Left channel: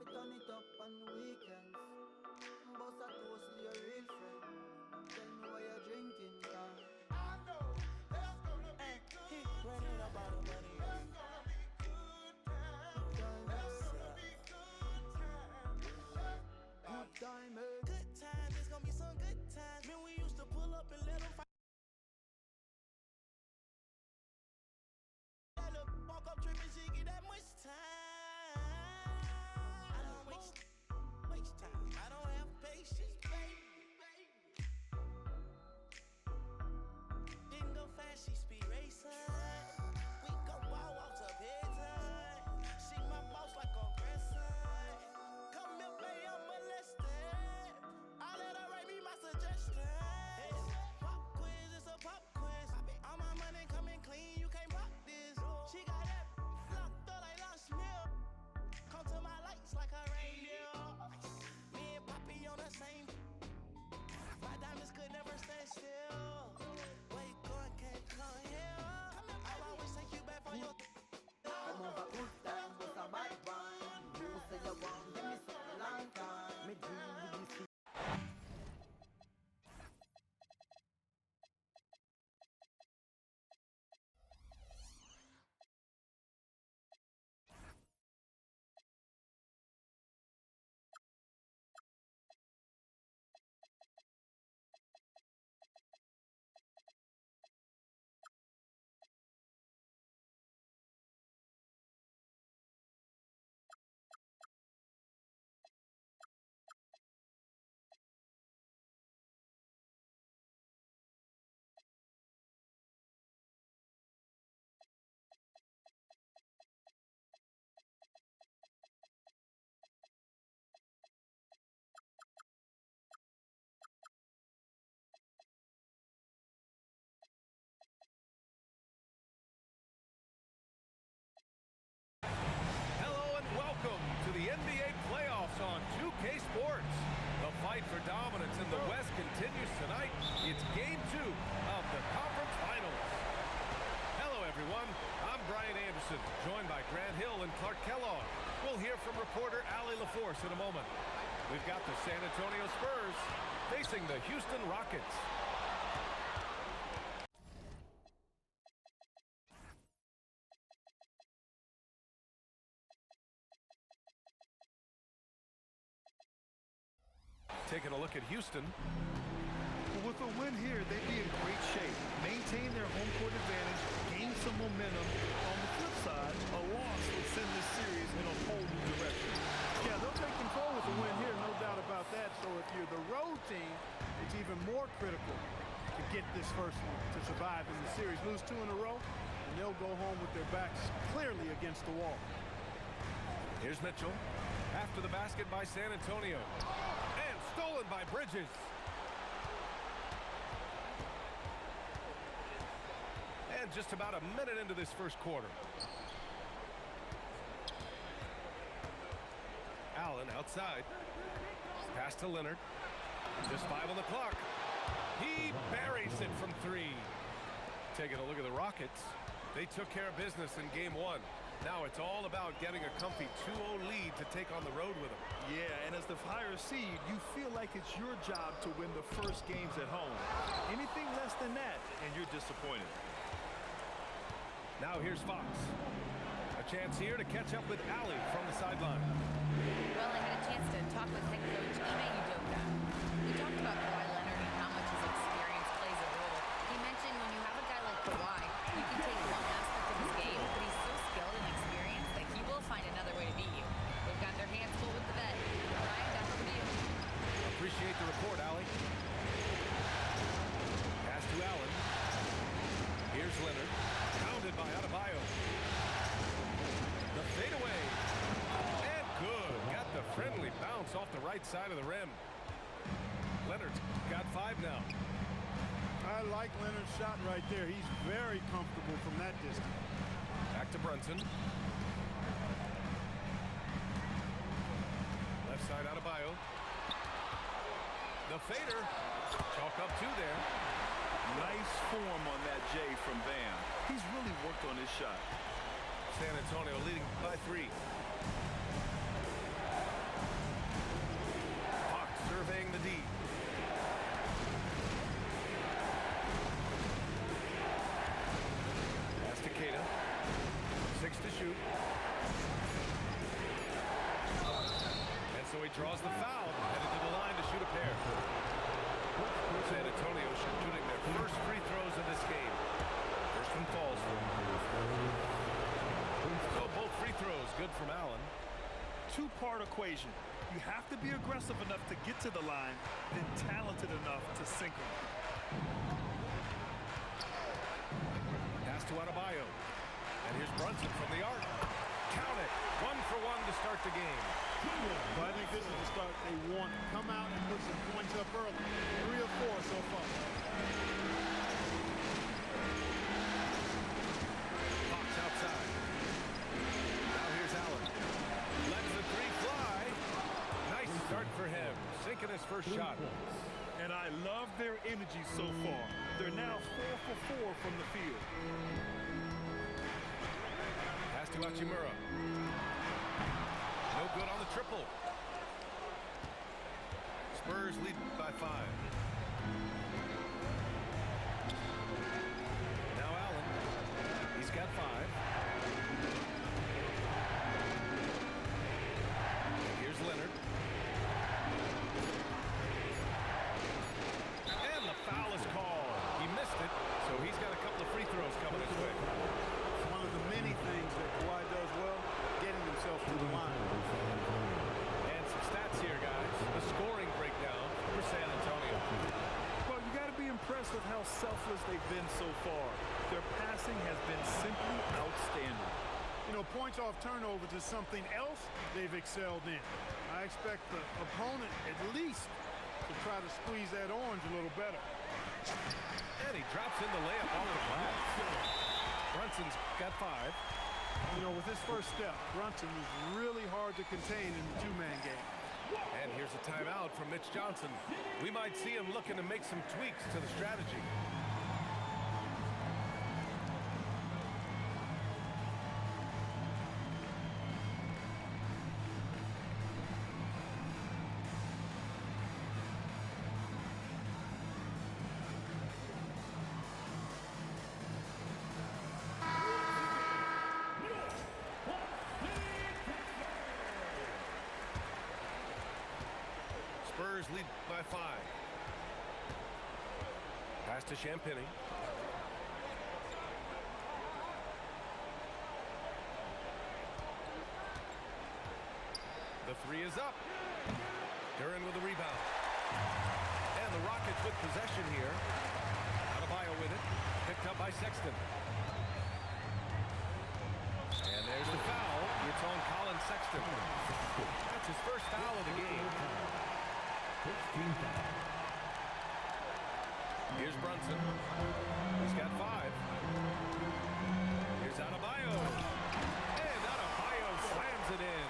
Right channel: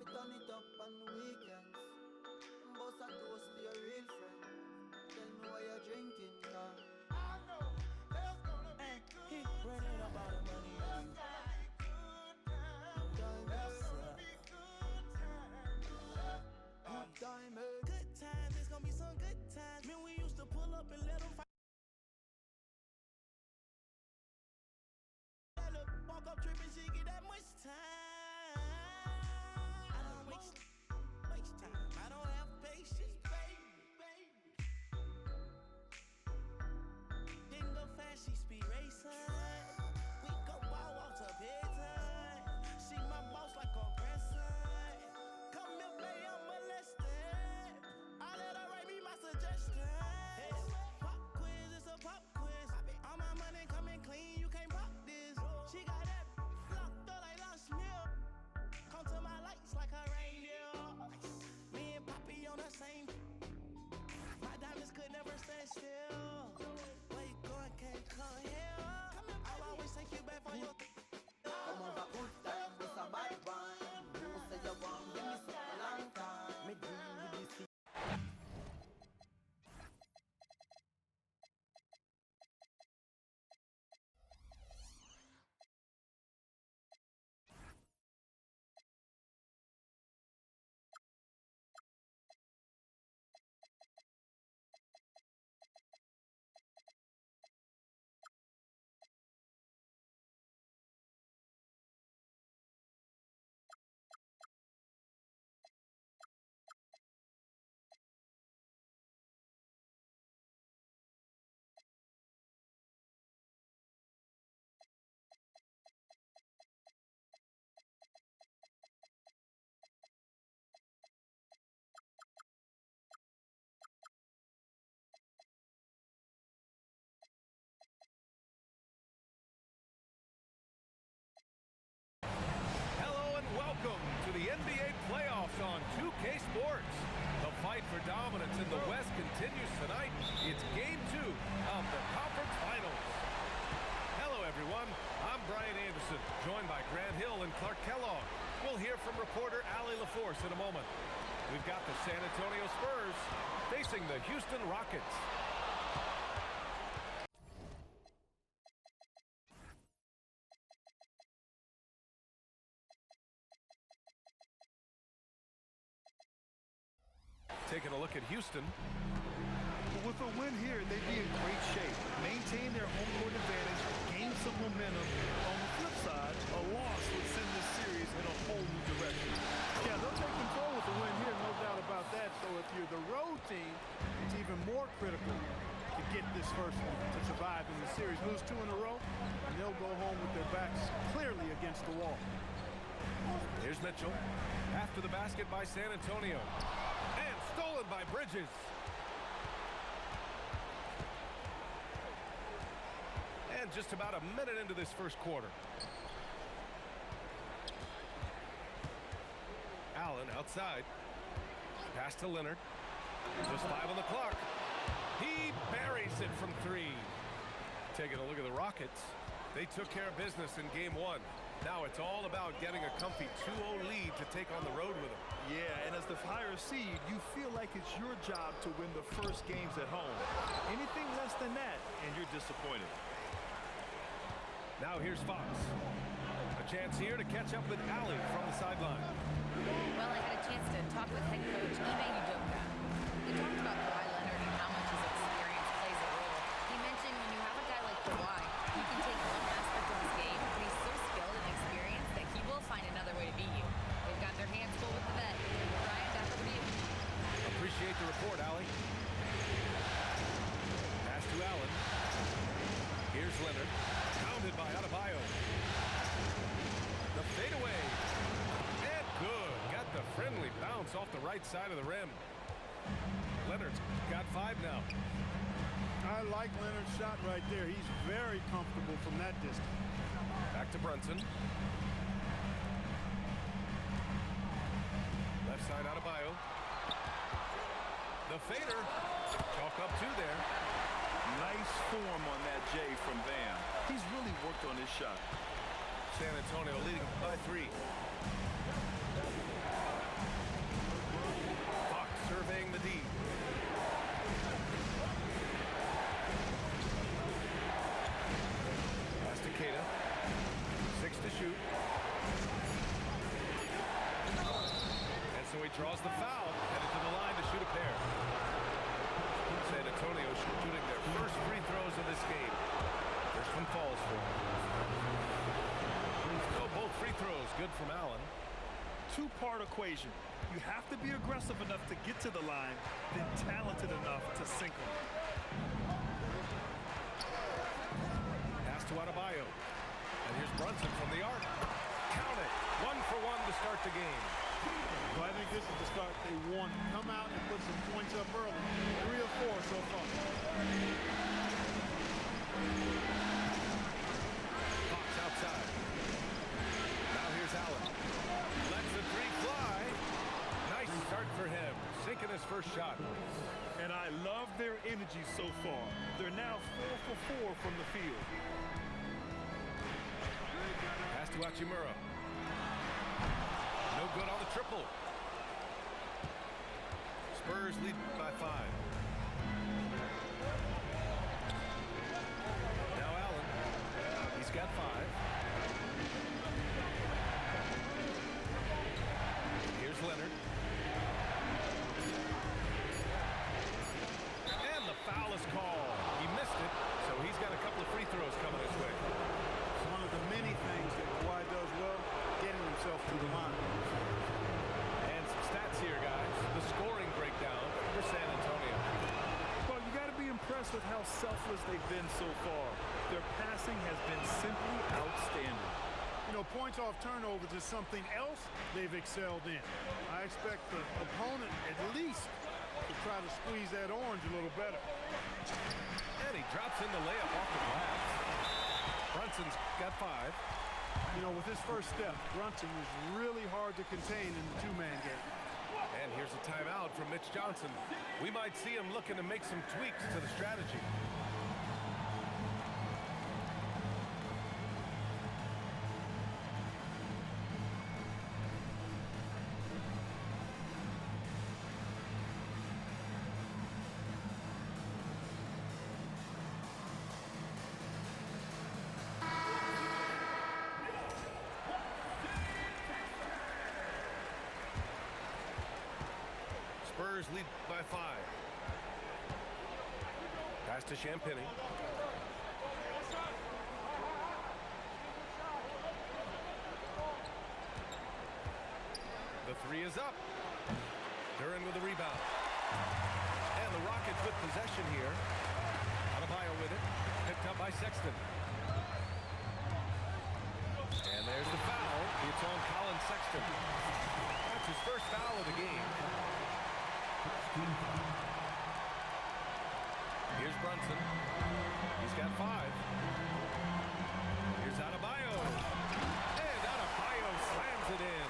fi turn it up on weekends. Boss a toast to your real friend. Tell me why you're drinking, car. And he running up all the money on you. Good times, it's gonna be some good times. Man, we used to pull up and let them fight. Walk up tripping, she get that much time. I don't waste time. I don't have patience, baby. Didn't go fast, she speed racing. We go ball walks up head time. She my boss like a grandson. Come here, baby, I'm molested. I let her write me my suggestions. Pop quiz, it's a pop quiz. All my money coming clean, you can't pop this. She got that locked up like lost milk. Come to my lights like a reindeer. Me and Poppy on the same. My diamonds could never stand still. Where you going, can't come here. I'll always take you back for your. Come over, good time, was a bad one. You say you want, give me some long time. Me deal with this. Hello and welcome to the NBA playoffs on 2K Sports. The fight for dominance in the West continues tonight. It's Game 2 of the Conference Finals. Hello, everyone. I'm Brian Anderson, joined by Grant Hill and Clark Kellogg. We'll hear from reporter Allie LaForce in a moment. We've got the San Antonio Spurs facing the Houston Rockets. Taking a look at Houston. With a win here, they'd be in great shape. Maintain their home court advantage, gain some momentum. On the flip side, a loss would send this series in a whole new direction. Yeah, they'll take control with the win here, no doubt about that. So if you're the road team, it's even more critical to get this first one to survive in the series. Lose 2 in a row, and they'll go home with their backs clearly against the wall. Here's Mitchell. After the basket by San Antonio. And stolen by Bridges. And just about a minute into this first quarter. Allen outside. Pass to Leonard. Just 5 on the clock. He buries it from 3. Taking a look at the Rockets. They took care of business in game 1. Now it's all about getting a comfy 2-0 lead to take on the road with them. Yeah, and as the higher seed, you feel like it's your job to win the first games at home. Anything less than that, and you're disappointed. Now here's Fox. A chance here to catch up with Allie from the sideline. Well, I had a chance to talk with head coach Ime Udoka. We talked about Kawhi Leonard and how much his experience plays a role. He mentioned when you have a guy like Kawhi, you can take one aspect of his game, but he's so skilled and experienced that he will find another way to beat you. They've got their hands full with the vet. Brian, back over to you. Appreciate the report, Allie. Pass to Allen. Here's Leonard. Pounded by Adebayo. The fadeaway. And good. Got the friendly bounce off the right side of the rim. Leonard's got 5 now. I like Leonard's shot right there. He's very comfortable from that distance. Back to Brunson. Left side Adebayo. The fader. Chalk up 2 there. Nice form on that J from Bam. He's really worked on his shot. San Antonio leading by 3. paying the D. Pass to Keita. 6 to shoot. And so he draws the foul, headed to the line to shoot a pair. San Antonio shooting their first free throws of this game. First one falls for him. So both free throws good from Allen. Two-part equation. You have to be aggressive enough to get to the line, then talented enough to sink them. Pass to Adebayo. And here's Brunson from the arc. Count it. 1 for 1 to start the game. Well, I think this is the start they wanted. Come out and put some points up early. 3 or 4 so far. Fox outside. Now here's Allen. Lets the 3 fly. Nice start for him. Sinking his first shot. And I love their energy so far. They're now 4 for 4 from the field. Pass to Hachimura. No good on the triple. Spurs lead by 5. Now Allen. He's got 5. And here's Leonard. And the foul is called. He missed it, so he's got a couple of free throws coming his way. One of the many things that Kawhi does well, getting himself to the line. And some stats here, guys. The scoring breakdown for San Antonio. Well, you got to be impressed with how selfless they've been so far. Their passing has been simply outstanding. You know, points off turnovers is something else they've excelled in. I expect the opponent at least to try to squeeze that orange a little better. And he drops in the layup off the glass. Brunson's got 5. You know, with his first step, Brunson is really hard to contain in the two-man game. And here's a timeout from Mitch Johnson. We might see him looking to make some tweaks to the strategy. Spurs lead by 5. Pass to Champagny. The 3 is up. Duran with the rebound. And the Rockets with possession here. Adebayo with it. Picked up by Sexton. And there's the foul. It's on Colin Sexton. That's his first foul of the game. Here's Brunson. He's got 5. Here's Adebayo. And Adebayo slams it in.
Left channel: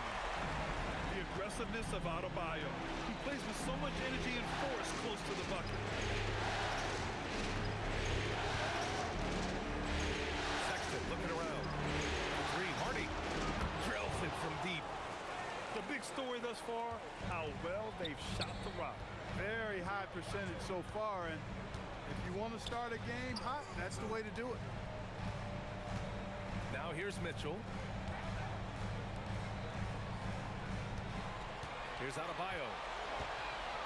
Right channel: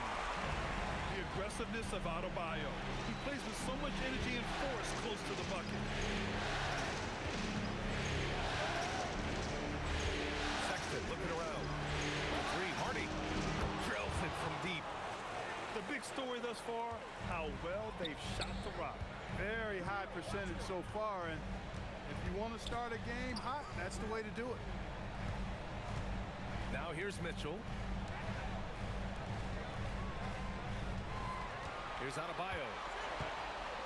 The aggressiveness of Adebayo. He plays with so much energy and force close to the bucket. Sexton looking around. The 3, Hardy drills it from deep. The big story thus far, how well they've shot the rock. Very high percentage so far, and if you want to start a game hot, that's the way to do it. Now here's Mitchell. Here's Adebayo.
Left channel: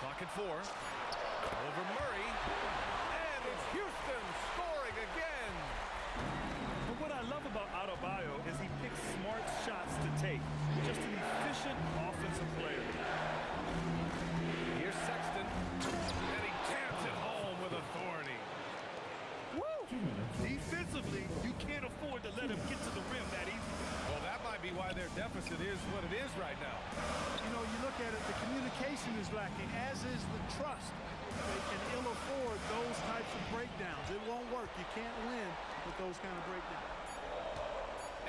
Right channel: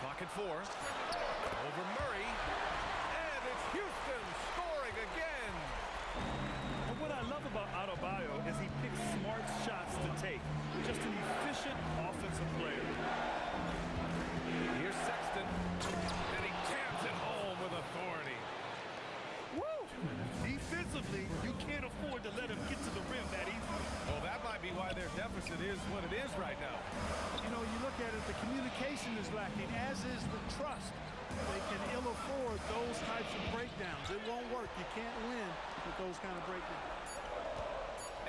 Clock at 4. Over Murray. And it's Houston scoring again. And what I love about Adebayo is he picks smart shots to take. Just an efficient offensive player. Here's Sexton. And he jams it home with authority. Woo! Defensively, you can't afford to let him get to the rim that easily. Well, that might be why their deficit is what it is right now. You know, you look at it, the communication is lacking, as is the trust. They can ill afford those types of breakdowns. It won't work. You can't win with those kind of breakdowns.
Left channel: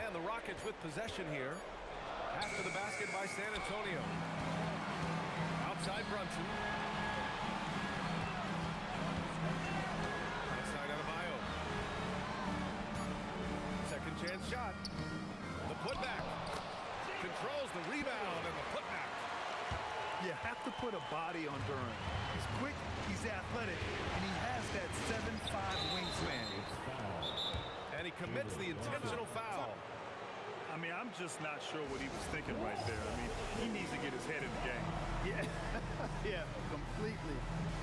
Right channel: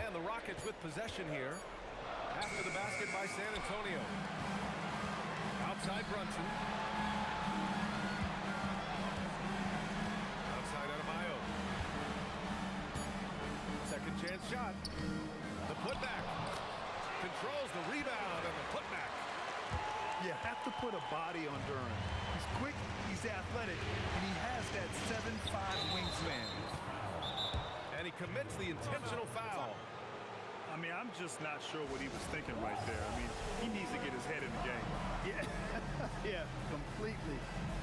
And the Rockets with possession here. After the basket by San Antonio. Outside Brunson. Outside Adebayo. Second chance shot. The putback. Controls the rebound and the putback. You have to put a body on Duran. He's quick, he's athletic, and he has that 7'5" wingspan. And he commits the intentional foul. I mean, I'm just not sure what he was thinking right there. I mean, he needs to get his head in the game. Yeah, yeah, completely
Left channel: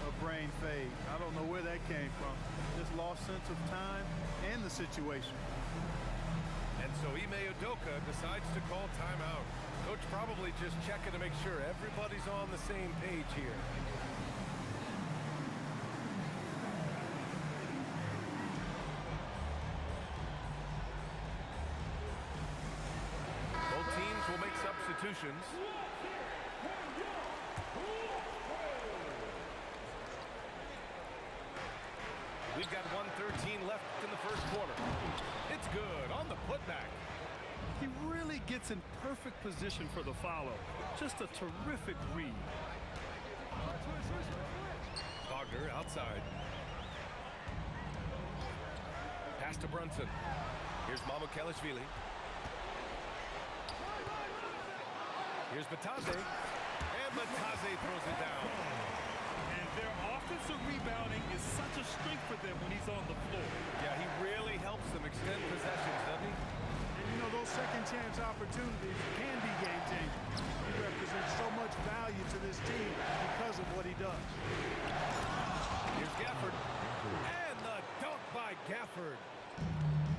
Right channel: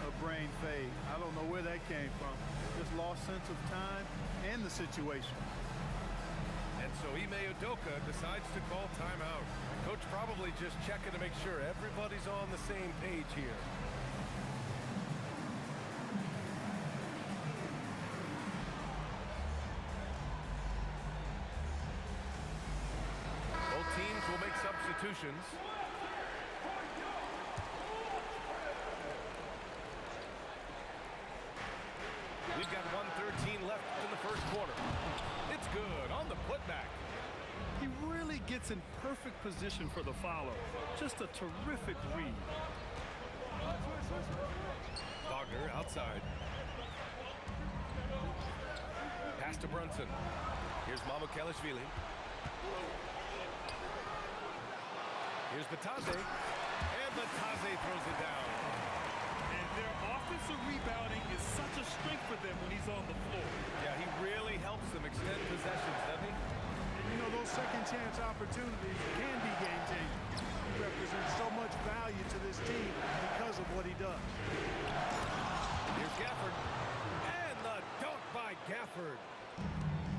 a brain fade. I don't know where that came from. Just lost sense of time and the situation. And so Ime Udoka decides to call timeout. Coach probably just checking to make sure everybody's on the same page here. Both teams will make substitutions. We've got 1:13 left in the first quarter. It's good on the putback. He really gets in perfect position for the follow. Just a terrific read. Wagner outside. Pass to Brunson. Here's Mamukelishvili. Here's Batadze. And Batadze throws it down. And their offensive rebounding is such a strength for them when he's on the floor. Yeah, he really helps them extend possessions, doesn't he? And you know, those second chance opportunities can be game changing. He represents so much value to this team because of what he does. Here's Gafford. And the dunk by Gafford.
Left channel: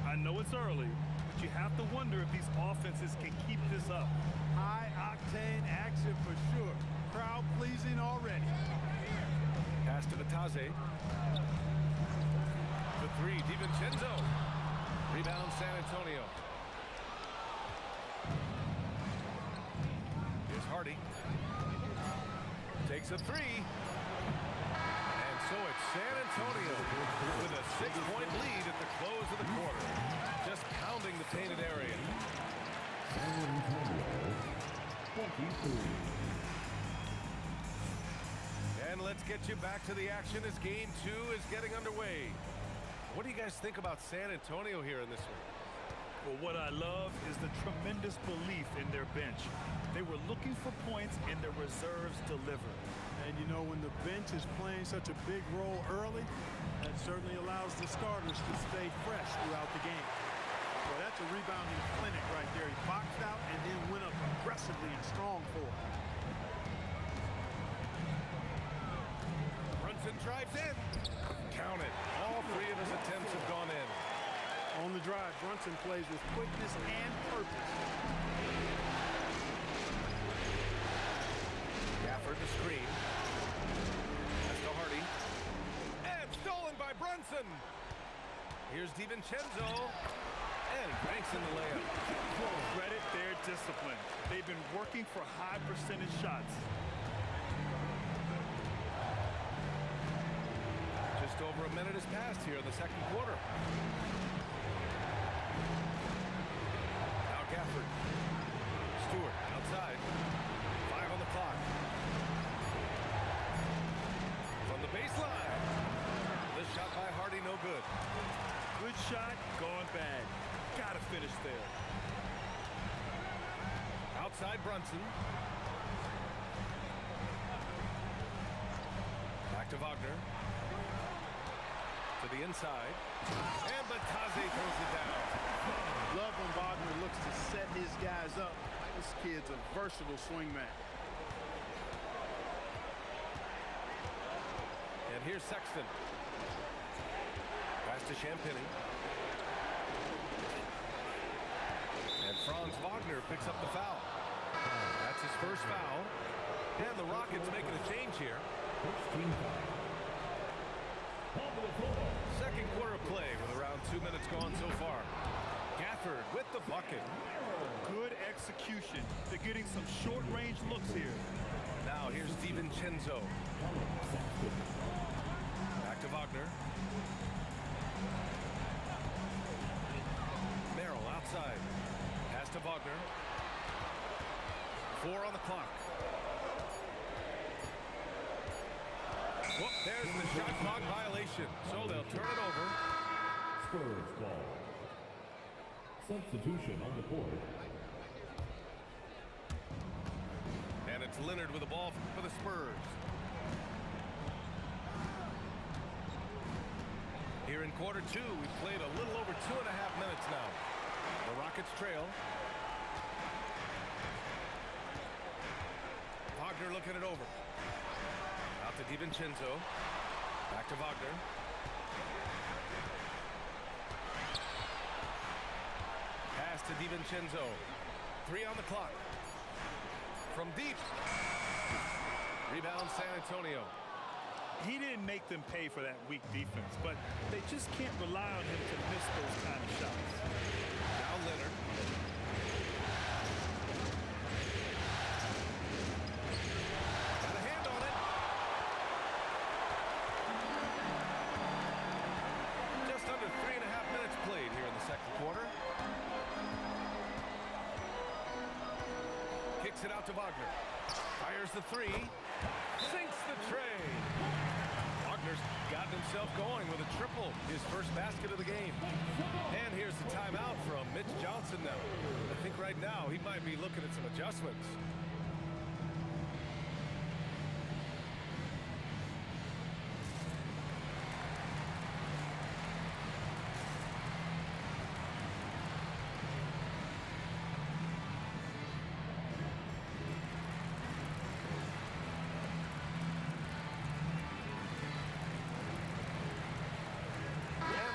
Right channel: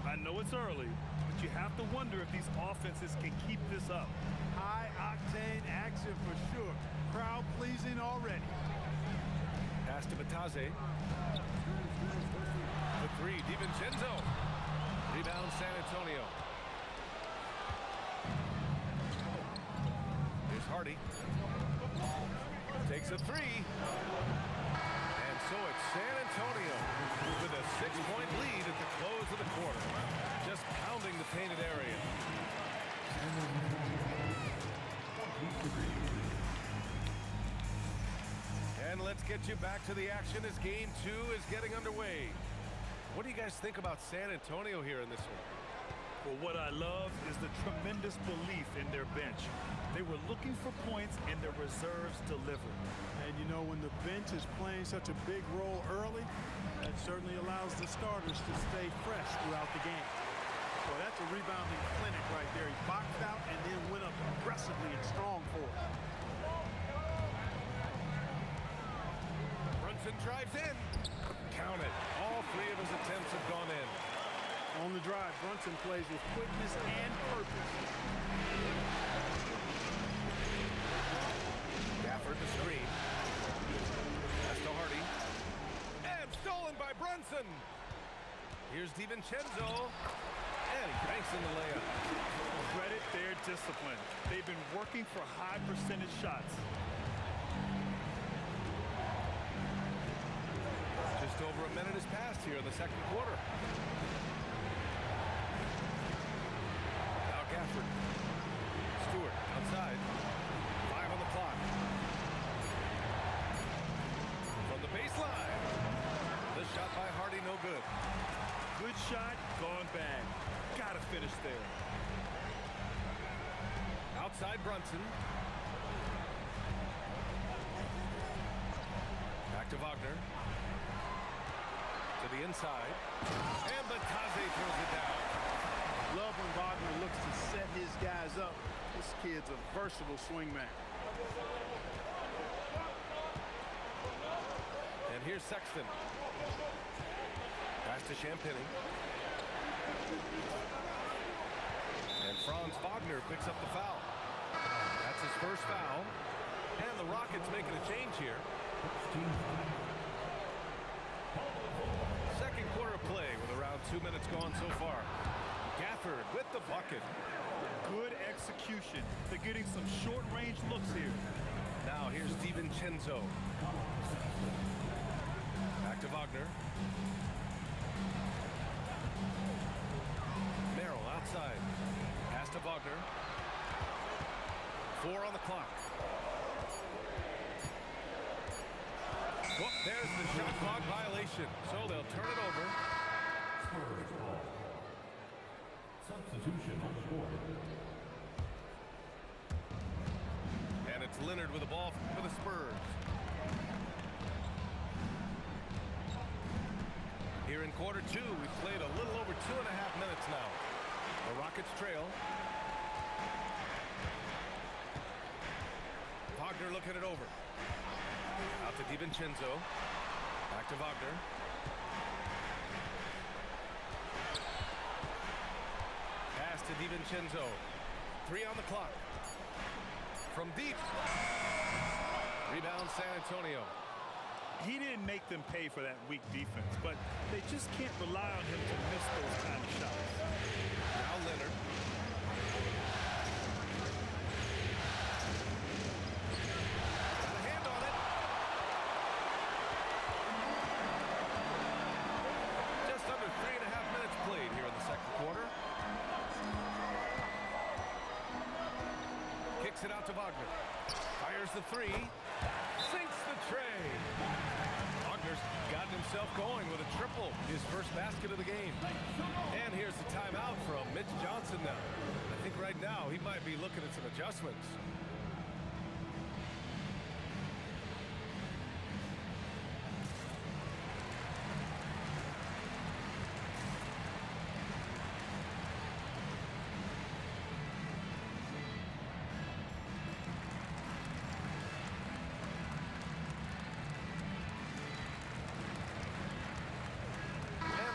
I know it's early, but you have to wonder if these offenses can keep this up. High-octane action for sure. Crowd-pleasing already. Pass to Batadze. The three, DiVincenzo. Rebound, San Antonio. Here's Hardy. Takes a three. And so it's San Antonio with a 6-point lead at the close of the quarter. Just pounding the painted area. And let's get you back to the action as game 2 is getting underway. What do you guys think about San Antonio here in this one? Well, what I love is the tremendous belief in their bench. They were looking for points and their reserves delivered. And you know, when the bench is playing such a big role early, that certainly allows the starters to stay fresh throughout the game. Well, that's a rebounding clinic right there. He boxed out and then went up aggressively and strong for it. Brunson drives in. Count it. All 3 of his attempts have gone in. On the drive, Brunson plays with quickness and purpose. Gafford the screen. Pass to Hardy. And stolen by Brunson. Here's DiVincenzo. And he banks in the layup. Credit their discipline. They've been working for high percentage shots. Just over a minute has passed here in the second quarter. Now Gafford. Stewart outside. 5 on the clock. From the baseline. The shot by Hardy, no good. Good shot, gone bad. Gotta finish there. Outside Brunson. Back to Wagner. To the inside. And Batadze throws it down. Love when Wagner looks to set his guys up. This kid's a versatile swingman. And here's Sexton. Pass to Champagny. And Franz Wagner picks up the foul. That's his first foul. And the Rockets making a change here. Second quarter play with around 2 minutes gone so far. Gafford with the bucket. Good execution. They're getting some short-range looks here. Now here's DiVincenzo. Back to Wagner. Merrill outside. Pass to Wagner. 4 on the clock. Well, there's the shot clock violation, so they'll turn it over. Spurs ball. Substitution on the court. And And it's Leonard with the ball for the Spurs. Here in quarter two, we've played a little over 2.5 minutes now. The Rockets trail. Wagner looking it over. Out to DiVincenzo. Back to Wagner. Pass to DiVincenzo. 3 on the clock. From deep. Rebound San Antonio. He didn't make them pay for that weak defense, but they just can't rely on him to miss those kind of shots. Now Leonard. Got a hand on it. Just under 3.5 minutes played here in the second quarter. Kicks it out to Wagner. Fires the three. Sinks the tray. Wagner's gotten himself going with a triple, his first basket of the game. And here's the timeout from Mitch Johnson now. I think right now he might be looking at some adjustments.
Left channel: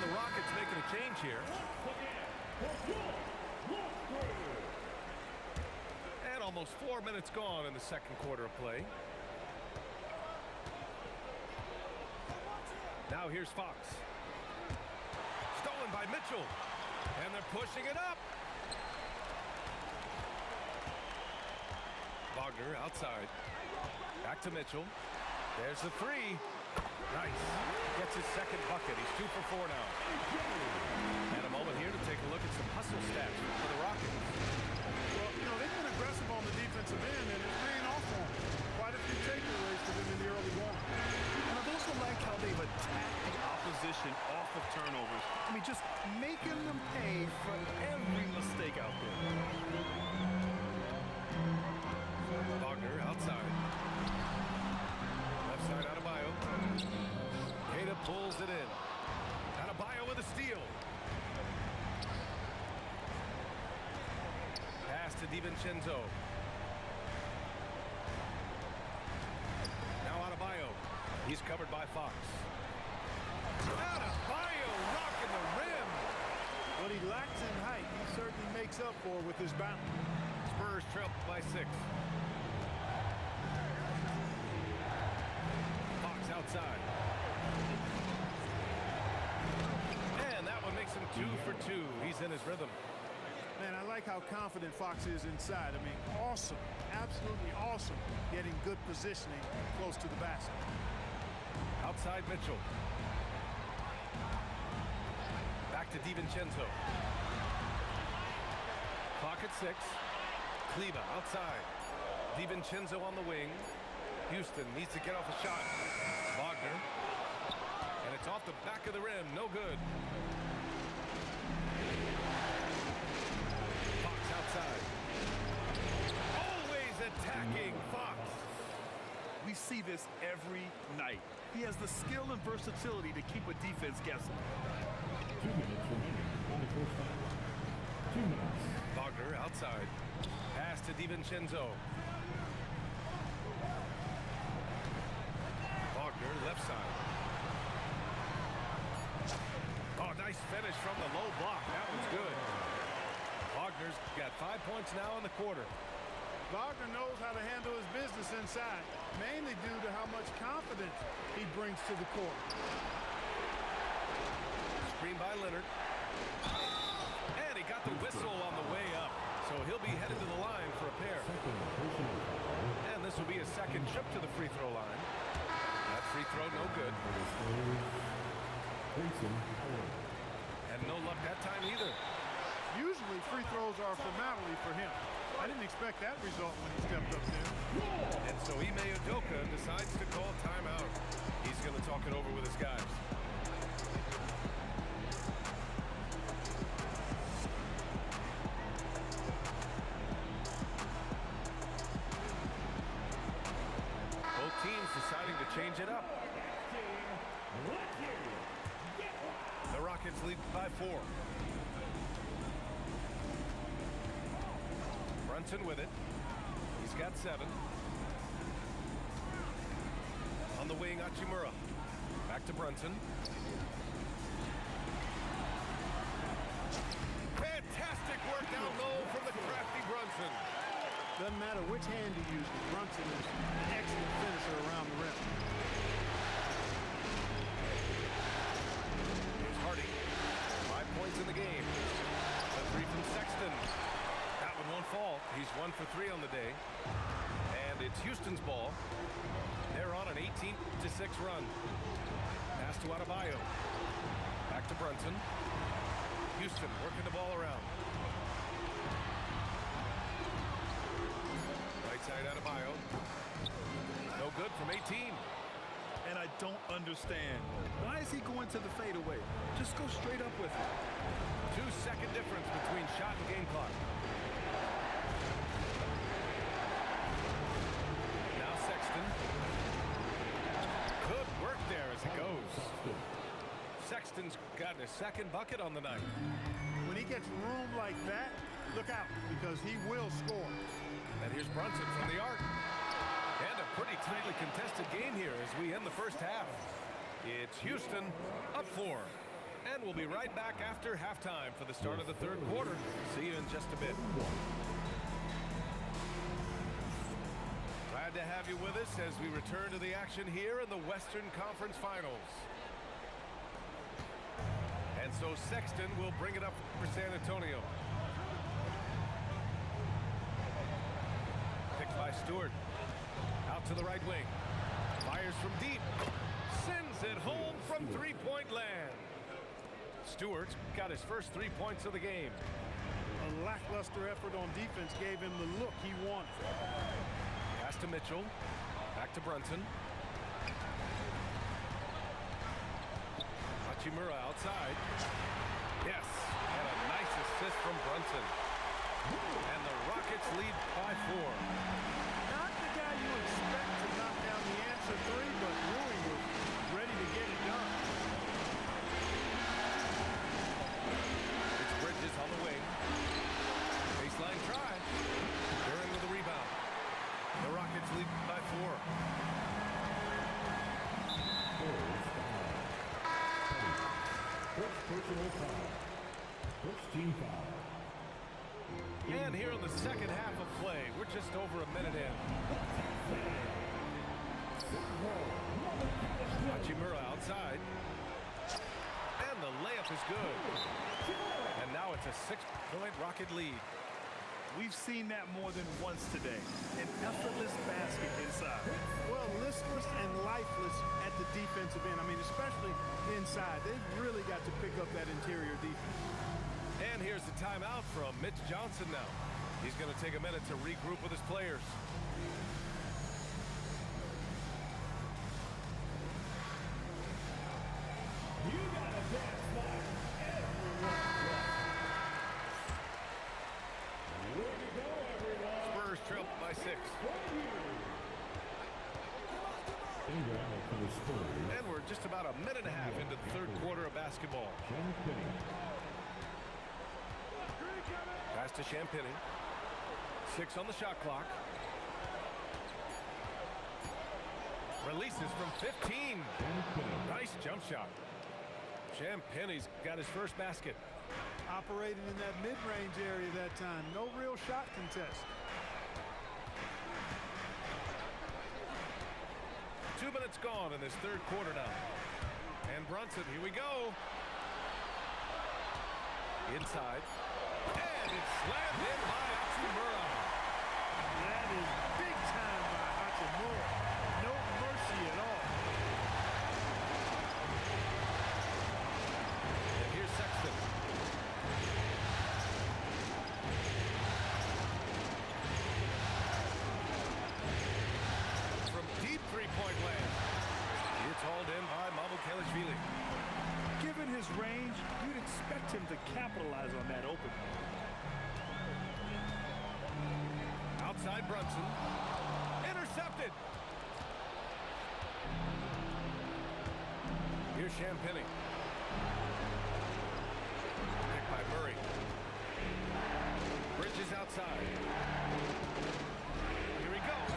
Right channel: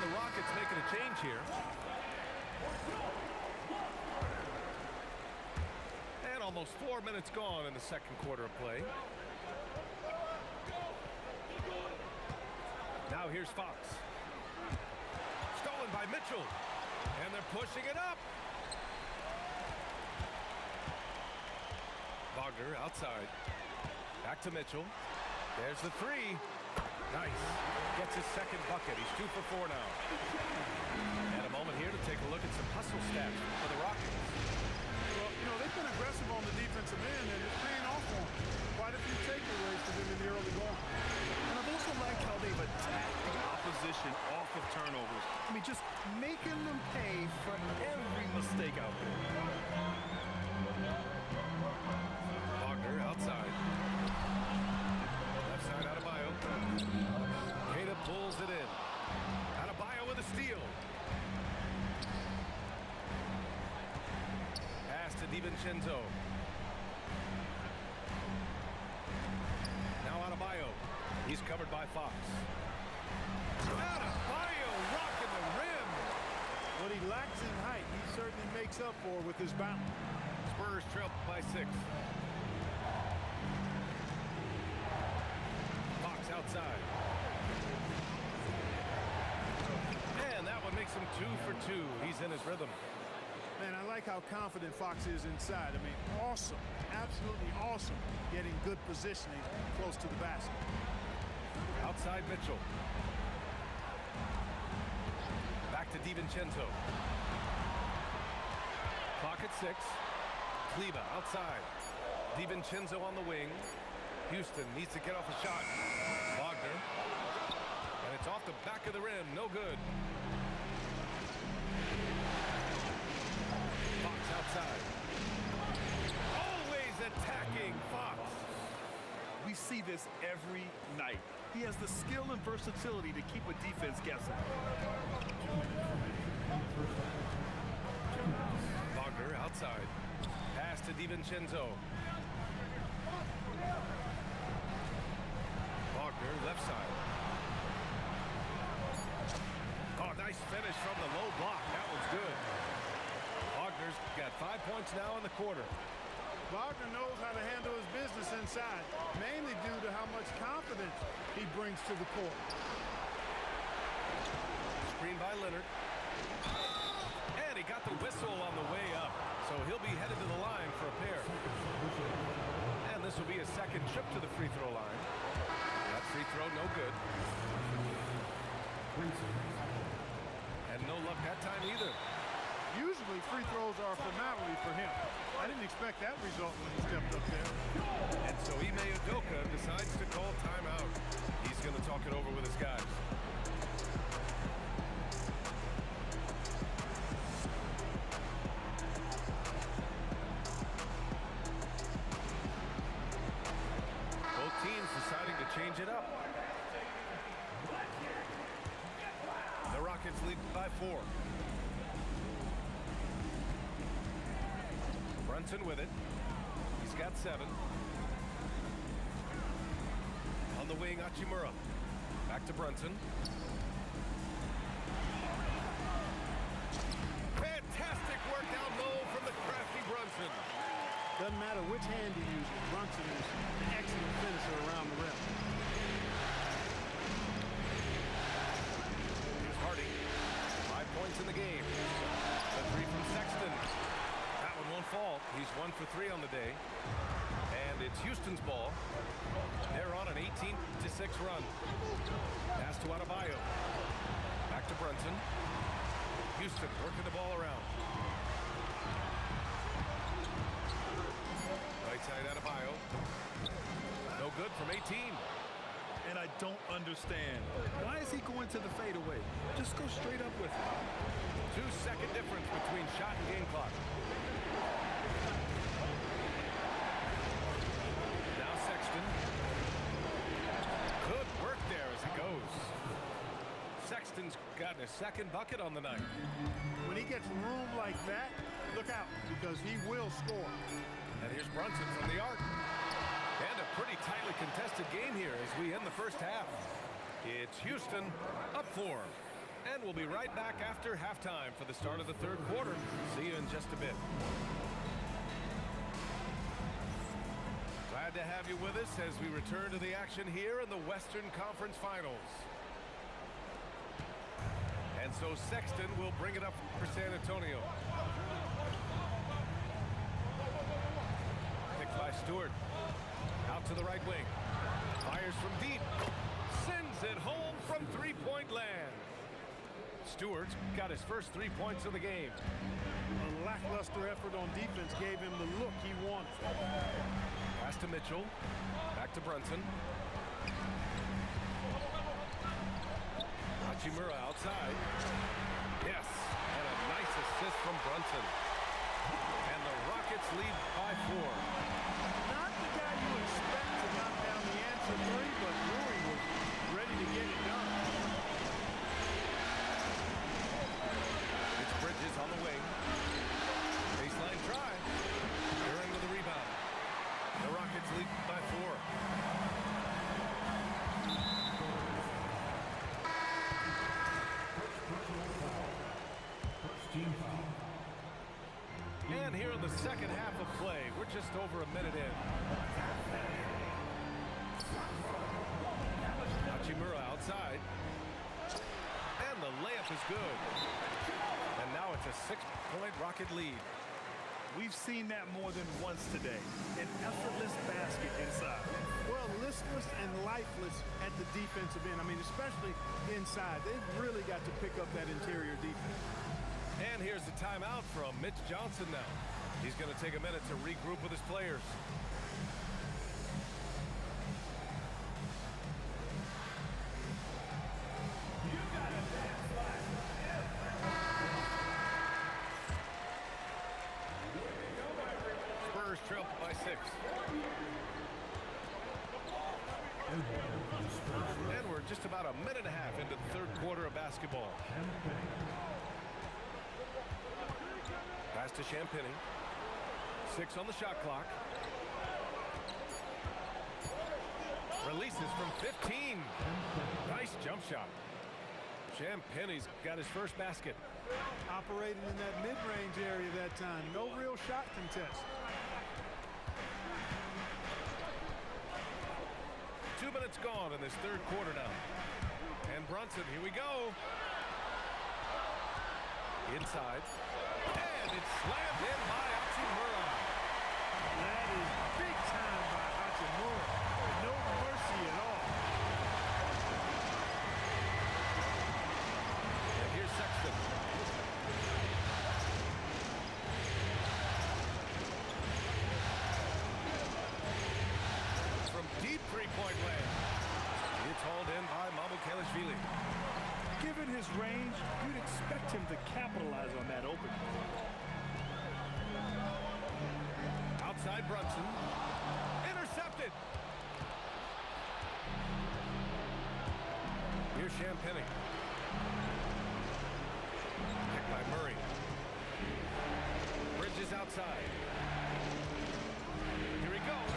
The Rockets making a change here. And almost 4 minutes gone in the second quarter of play. Now here's Fox. Stolen by Mitchell. And they're pushing it up. Wagner outside. Back to Mitchell. There's the three. Nice. Gets his second bucket. He's 2 for 4 now. And a moment here to take a look at some hustle stats for the Rockets. Well, you know, they've been aggressive on the defensive end, and it's paying off for them. Quite a few takeaways for them in the early going. And I've also liked how they've attacked the opposition off of turnovers. I mean, just making them pay for every mistake out there. Wagner outside. Left side Adebayo. Queta pulls it in. Adebayo with a steal. Pass to DiVincenzo. Now Adebayo. He's covered by Fox. Adebayo rocking the rim. What he lacks in height, he certainly makes up for with his bounce. Spurs trail by 6. Fox outside. And that one makes him 2 for 2. He's in his rhythm. Man, I like how confident Fox is inside. I mean, awesome. Absolutely awesome. Getting good positioning close to the basket. Outside Mitchell. Back to DiVincenzo. Clock at 6. Kleba outside. DiVincenzo on the wing. Houston needs to get off a shot. Wagner. And it's off the back of the rim. No good. Fox outside. Always attacking Fox. We see this every night. He has the skill and versatility to keep a defense guessing. 2 minutes remaining in the first half. 2 minutes. Wagner outside. Pass to DiVincenzo. Wagner left side. Oh, nice finish from the low block. That one's good. Wagner's got 5 points now in the quarter. Wagner knows how to handle his business inside, mainly due to how much confidence he brings to the court. Screen by Leonard. And he got the whistle on the way up. So he'll be headed to the line for a pair. And this will be his second trip to the free throw line. That free throw no good. And no luck that time either. Usually free throws are a formality for him. I didn't expect that result when he stepped up there. And so Ime Udoka decides to call timeout. He's going to talk it over with his guys. Rockets lead by 4. Brunson with it. He's got 7. On the wing, Hachimura. Back to Brunson. Fantastic work down low from the crafty Brunson. Doesn't matter which hand he uses. Brunson is an excellent finisher around the rim. Here's Hardy. 5 points in the game. The 3 from Sexton. That one won't fall. He's 1 for 3 on the day. And it's Houston's ball. They're on an 18-6 run. Pass to Adebayo. Back to Brunson. Houston working the ball around. Right side Adebayo. No good from 18. And I don't understand. Why is he going to the fadeaway? Just go straight up with it. 2-second difference between shot and game clock. Now Sexton. Good work there as it goes. Sexton's gotten his second bucket on the night. When he gets room like that, look out, because he will score. And here's Brunson from the arc. And a pretty tightly contested game here as we end the first half. It's Houston up 4. And we'll be right back after halftime for the start of the third quarter. See you in just a bit. Glad to have you with us as we return to the action here in the Western Conference Finals. And so Sexton will bring it up for San Antonio. Picked by Stewart. Out to the right wing. Fires from deep. Sends it home from three-point land. Stewart's got his first 3 points of the game. A lackluster effort on defense gave him the look he wanted. Pass to Mitchell. Back to Brunson. Hachimura outside. Yes, and a nice assist from Brunson. And the Rockets lead by 4. Not the guy you expect to knock down the answer 3, but Rui was ready to get it done. It's Bridges on the wing. Baseline try. Duran with the rebound. The Rockets lead by 4. First personal foul. First team foul. And here in the second half of play, we're just over a minute in. Hachimura outside. And the layup is good. And now it's a 6-point Rocket lead. We've seen that more than once today. An effortless basket inside. Well, listless and lifeless at the defensive end. I mean, especially inside. They've really got to pick up that interior defense. And here's the timeout from Mitch Johnson now. He's going to take a minute to regroup with his players. Spurs trail by 6. And we're just about a minute and a half into the third quarter of basketball. Pass to Champagny. 6 on the shot clock. Releases from 15. Nice jump shot. Champagny's got his first basket. Operating in that mid-range area that time. No real shot contest. 2 minutes gone in this third quarter now. And Brunson, here we go. Inside. And it's slammed in by Hachimura. That is big time by Hachimura. No mercy at all. And here's Sexton. From deep three-point land. It's hauled in by Mamukelashvili. Given his range, you'd expect him to capitalize on that opening. Outside Brunson. Intercepted. Here's Champagny. by Murray. Bridges outside. Here he goes.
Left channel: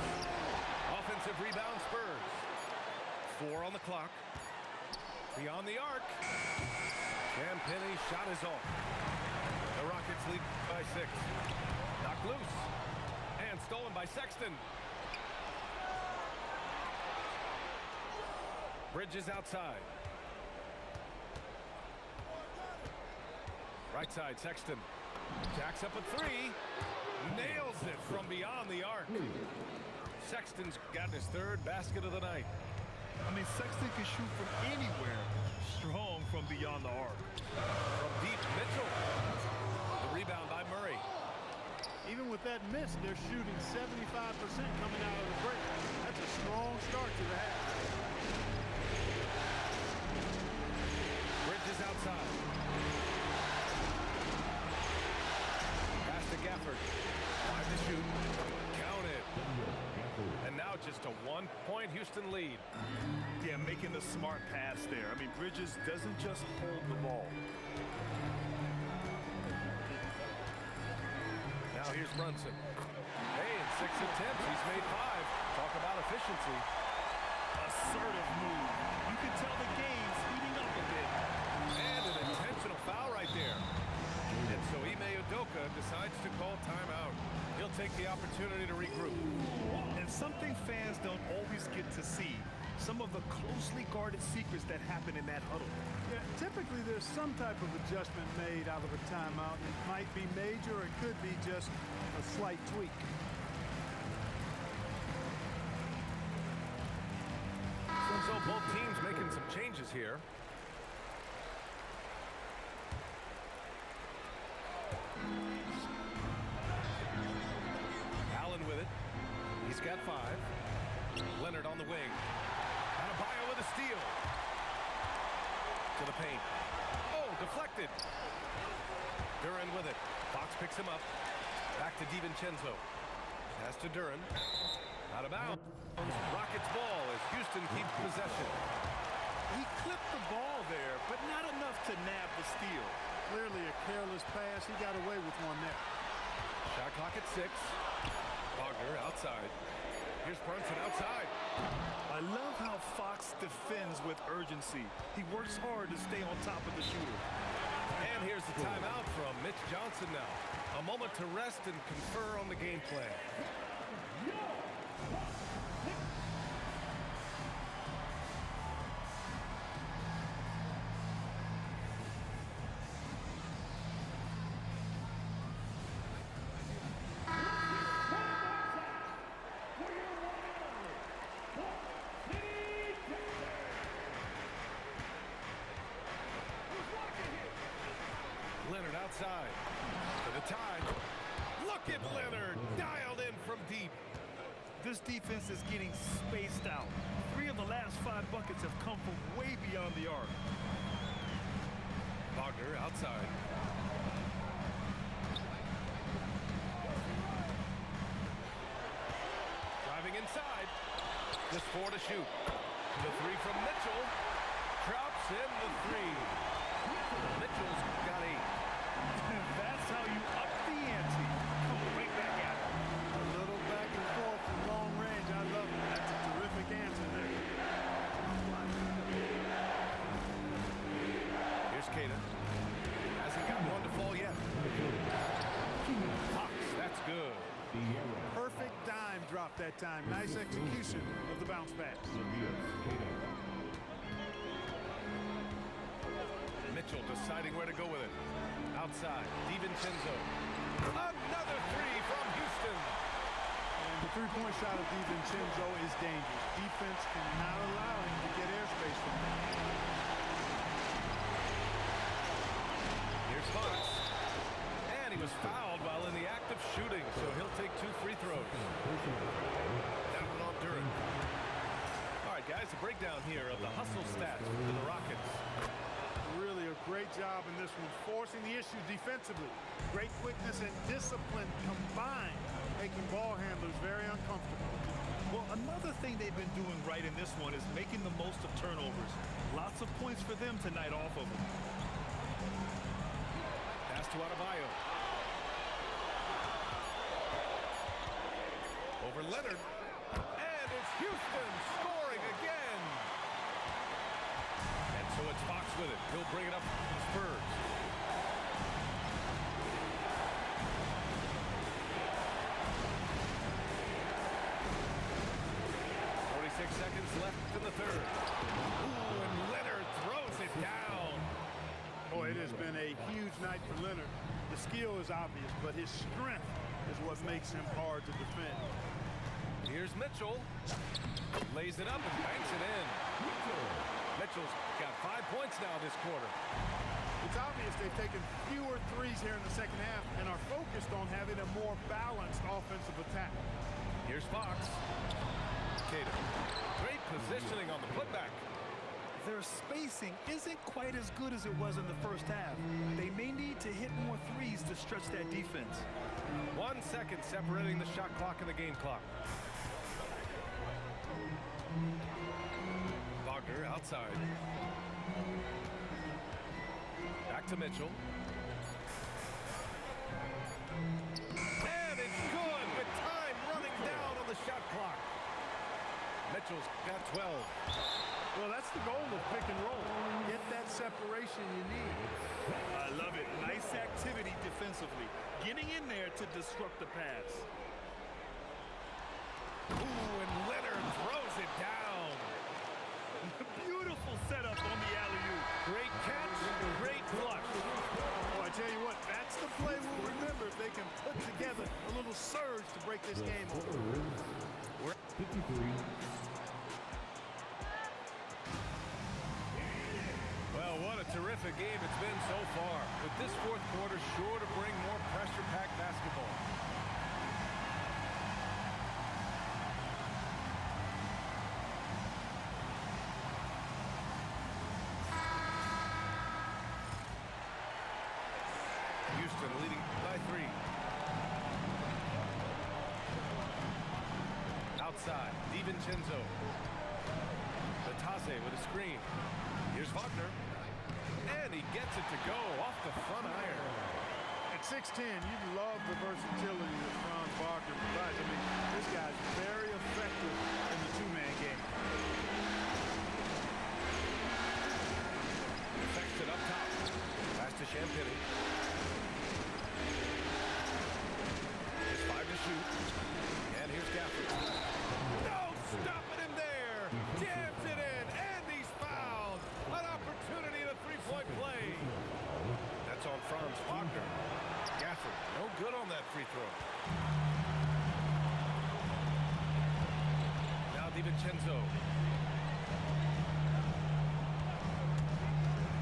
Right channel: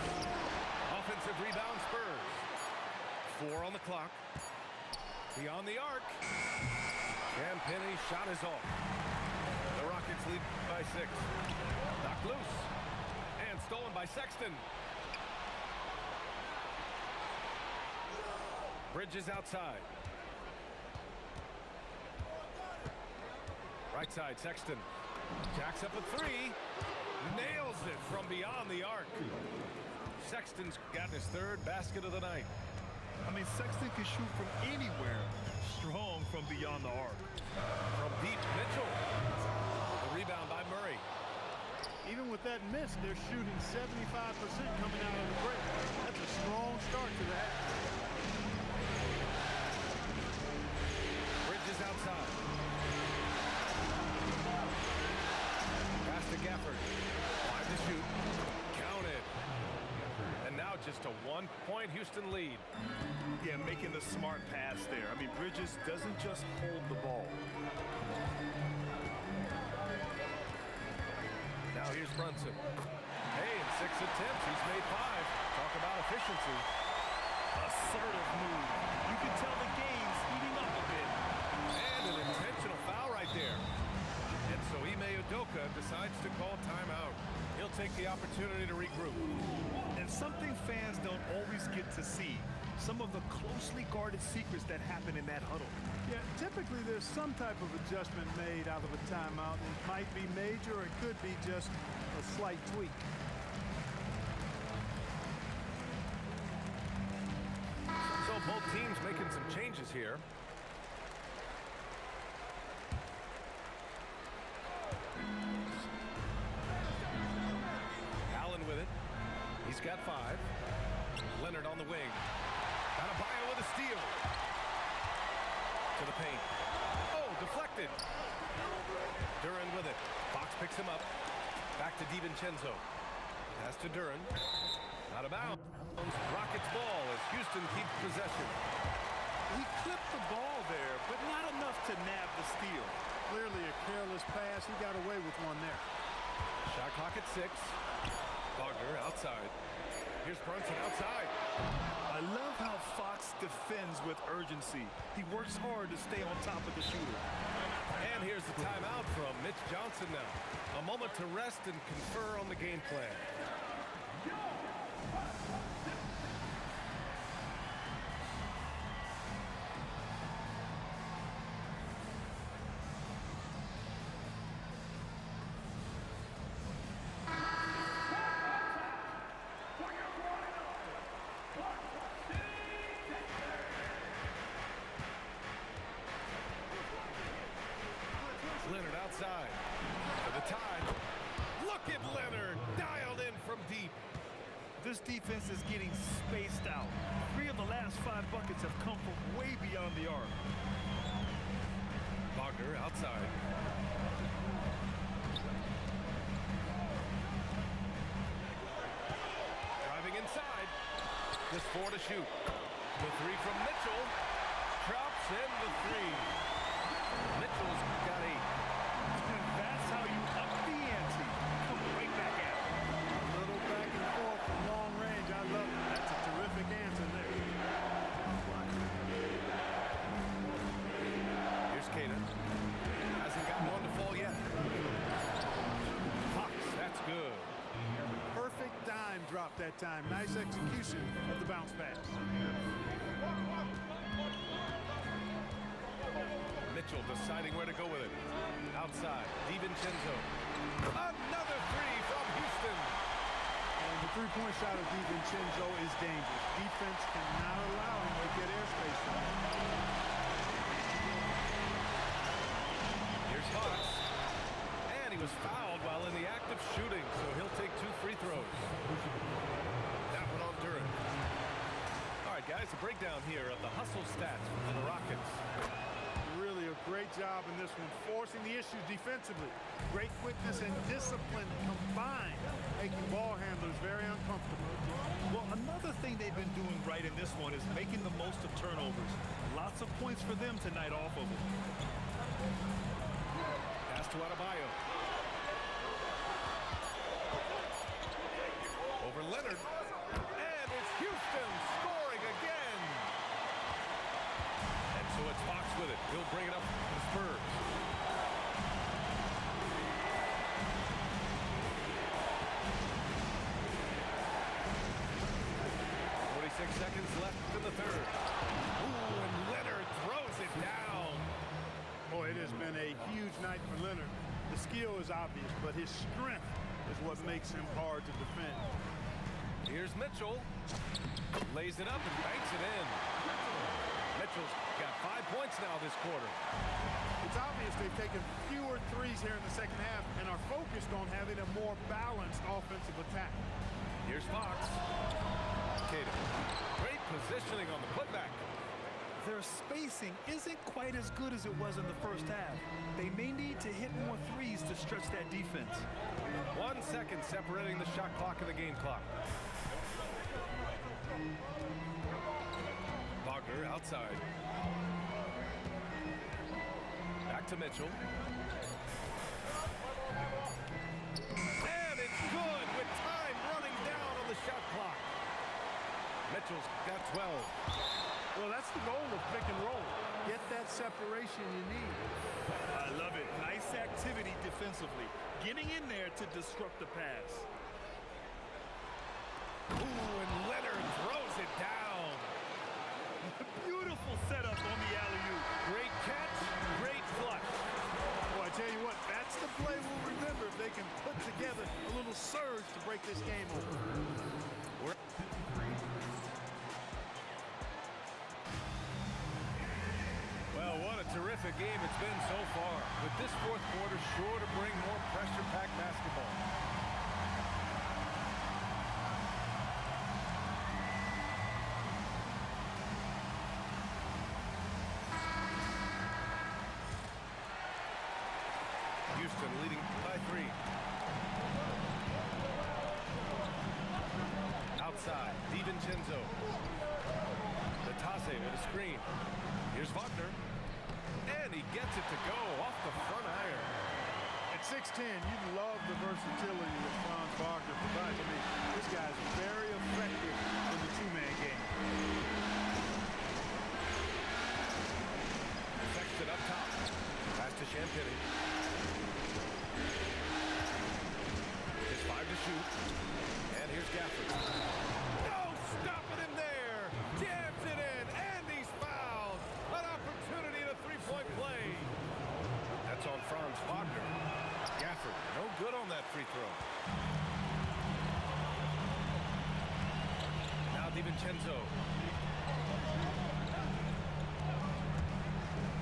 Offensive rebound, Spurs. 4 on the clock. Beyond the arc. Penny's shot is off. The Rockets lead by 6. Knocked loose. And stolen by Sexton. Bridges outside. Right side, Sexton. Jacks up a 3. Nails it from beyond the arc. Sexton's gotten his 3rd basket of the night. I mean, Sexton can shoot from anywhere. Strong from beyond the arc. From deep, Mitchell. The rebound by Murray. Even with that miss, they're shooting 75% coming out of the break. That's a strong start to the half. Bridges outside. Pass to Gafford. 5 to shoot. Counted. And now just a 1-point Houston lead. Yeah, making the smart pass there. I mean, Bridges doesn't just hold the ball. Now here's Brunson. Hey, in 6 attempts, he's made 5. Talk about efficiency. Assertive move. You can tell the game's heating up a bit. And an intentional foul right there. And so Ime Udoka decides to call timeout. He'll take the opportunity to regroup. And something fans don't always get to see. Some of the closely guarded secrets that happen in that huddle. Yeah, typically there's some type of adjustment made out of a timeout. It might be major or it could be just a slight tweak. So both teams making some changes here. Allen with it. He's got 5. Leonard on the wing. Adebayo with a steal. To the paint. Oh, deflected. Duran with it. Fox picks him up. Back to DiVincenzo. Pass to Duran. Out of bounds. Rockets ball as Houston keeps possession. He clipped the ball there, but not enough to nab the steal. Clearly a careless pass. He got away with one there. Shot clock at 6. Wagner outside. Here's Brunson outside. I love how Fox defends with urgency. He works hard to stay on top of the shooter. And here's the timeout from Mitch Johnson now. A moment to rest and confer on the game plan. Leonard outside for the tie. Look at Leonard, dialed in from deep. This defense is getting spaced out. 3 of the last 5 buckets have come from way beyond the arc. Wagner outside. Driving inside. Just 4 to shoot. The 3 from Mitchell. Drops in the 3. Mitchell's got 8. That's how you up the ante. Come right back at it. A little back and forth from long range. I love it. That's a terrific answer there. Here's Cada. Hasn't got one to fall yet. Fox, that's good. Perfect dime drop that time. Nice execution of the bounce pass. Mitchell deciding where to go with it. Outside, DiVincenzo. Another 3 from Houston. And the three-point shot of DiVincenzo is dangerous. Defense cannot allow him to get airspace from there. Here's Fox. And he was fouled while in the act of shooting, so he'll take 2 free throws. That one on Duran. All right, guys, a breakdown here of the hustle stats for the Rockets. Really a great job in this one, forcing the issue defensively. Great quickness and discipline combined, making ball handlers very uncomfortable. Well, another thing they've been doing right in this one is making the most of turnovers. Lots of points for them tonight off of it. to Adebayo. Over Leonard. And it's Houston scoring again. And so it's Fox with it. He'll bring it up to the Spurs. Seconds left in the third. Ooh, and Leonard throws it down. Boy, it has been a huge night for Leonard. The skill is obvious, but his strength is what makes him hard to defend. Here's Mitchell. Lays it up and banks it in. Mitchell's got 5 points now this quarter. It's obvious they've taken fewer threes here in the second half and are focused on having a more balanced offensive attack. Here's Fox. Great positioning on the putback. Their spacing isn't quite as good as it was in the first half. They may need to hit more threes to stretch that defense. 1 second separating the shot clock and the game clock. Wagner outside. Back to Mitchell. And it's good with time running down on the shot clock. Mitchell's got 12. Well, that's the goal of pick and roll. Get that separation you need. I love it. Nice activity defensively. Getting in there to disrupt the pass. Ooh, and Leonard throws it down. Beautiful setup on the alley-oop. Great catch, great flush. Well, I tell you what, that's the play we'll remember if they can put together a little surge to break this game over. 53. Well, what a terrific game it's been so far. With this fourth quarter sure to bring more pressure-packed basketball. Houston leading by 3. Outside, DiVincenzo. Natase with a screen. Here's Wagner. And he gets it to go off the front iron. At 6'10", you'd love the versatility that Franz Wagner provides. I mean, this guy's very effective in the two-man game. Sexton up top. Pass to Champagny. Just 5 to shoot. And here's Gafford. No stopping him there. Jams it in. And he's fouled. An opportunity in a three-point play. That's on Franz Wagner. Gafford, no good on that free throw. Now DiVincenzo.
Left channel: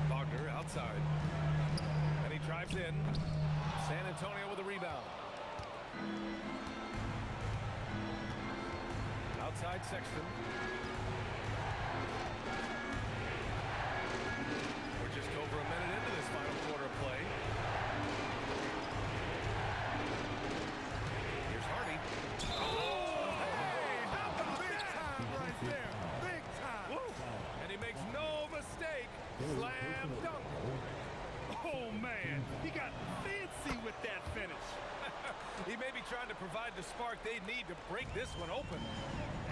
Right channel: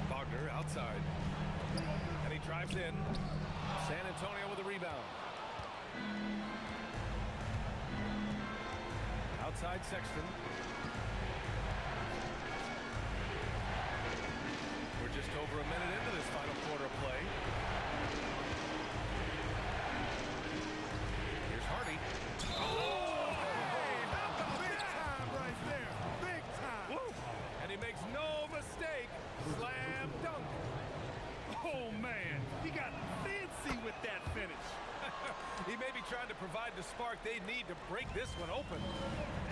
Wagner outside. And he drives in. San Antonio with a rebound. Outside Sexton. We're just over a minute into this final quarter of play. Here's Hardy. Oh, hey, how about Big that? time right there. Big time. Woo. And he makes no mistake. Slam dunk. Oh, man. He got fancy with that finish. He may be trying to provide the spark they need to break this one open.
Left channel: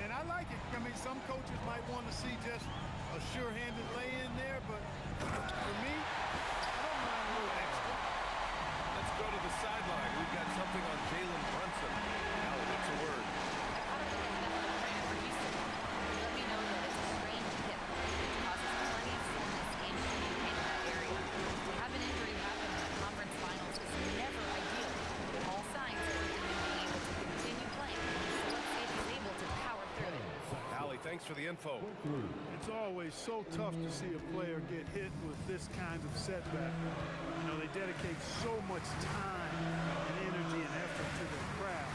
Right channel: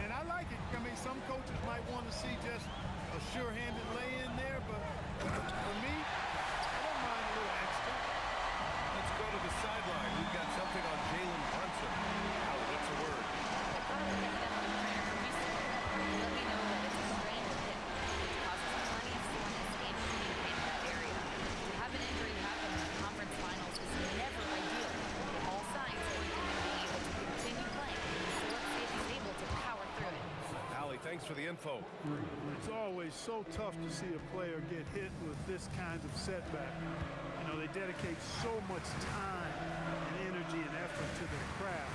And I like it. I mean, some coaches might want to see just a sure-handed lay-in there, but for me, I don't mind a little extra. Let's go to the sideline. We've got something on Jalen Brunson. Allie, what's the word? I caught up with the head athletic trainer for Houston. He let me know that it's a strained hip, which causes plenty of soreness and shooting pain in that area. To have an injury happen in the conference finals is never ideal. All signs point to him being able to continue playing, so let's see if he's able to power through it. Allie, thanks for the info. It's always so tough to see a player get hit with this kind of setback. You know, they dedicate so much time and energy and effort to their craft.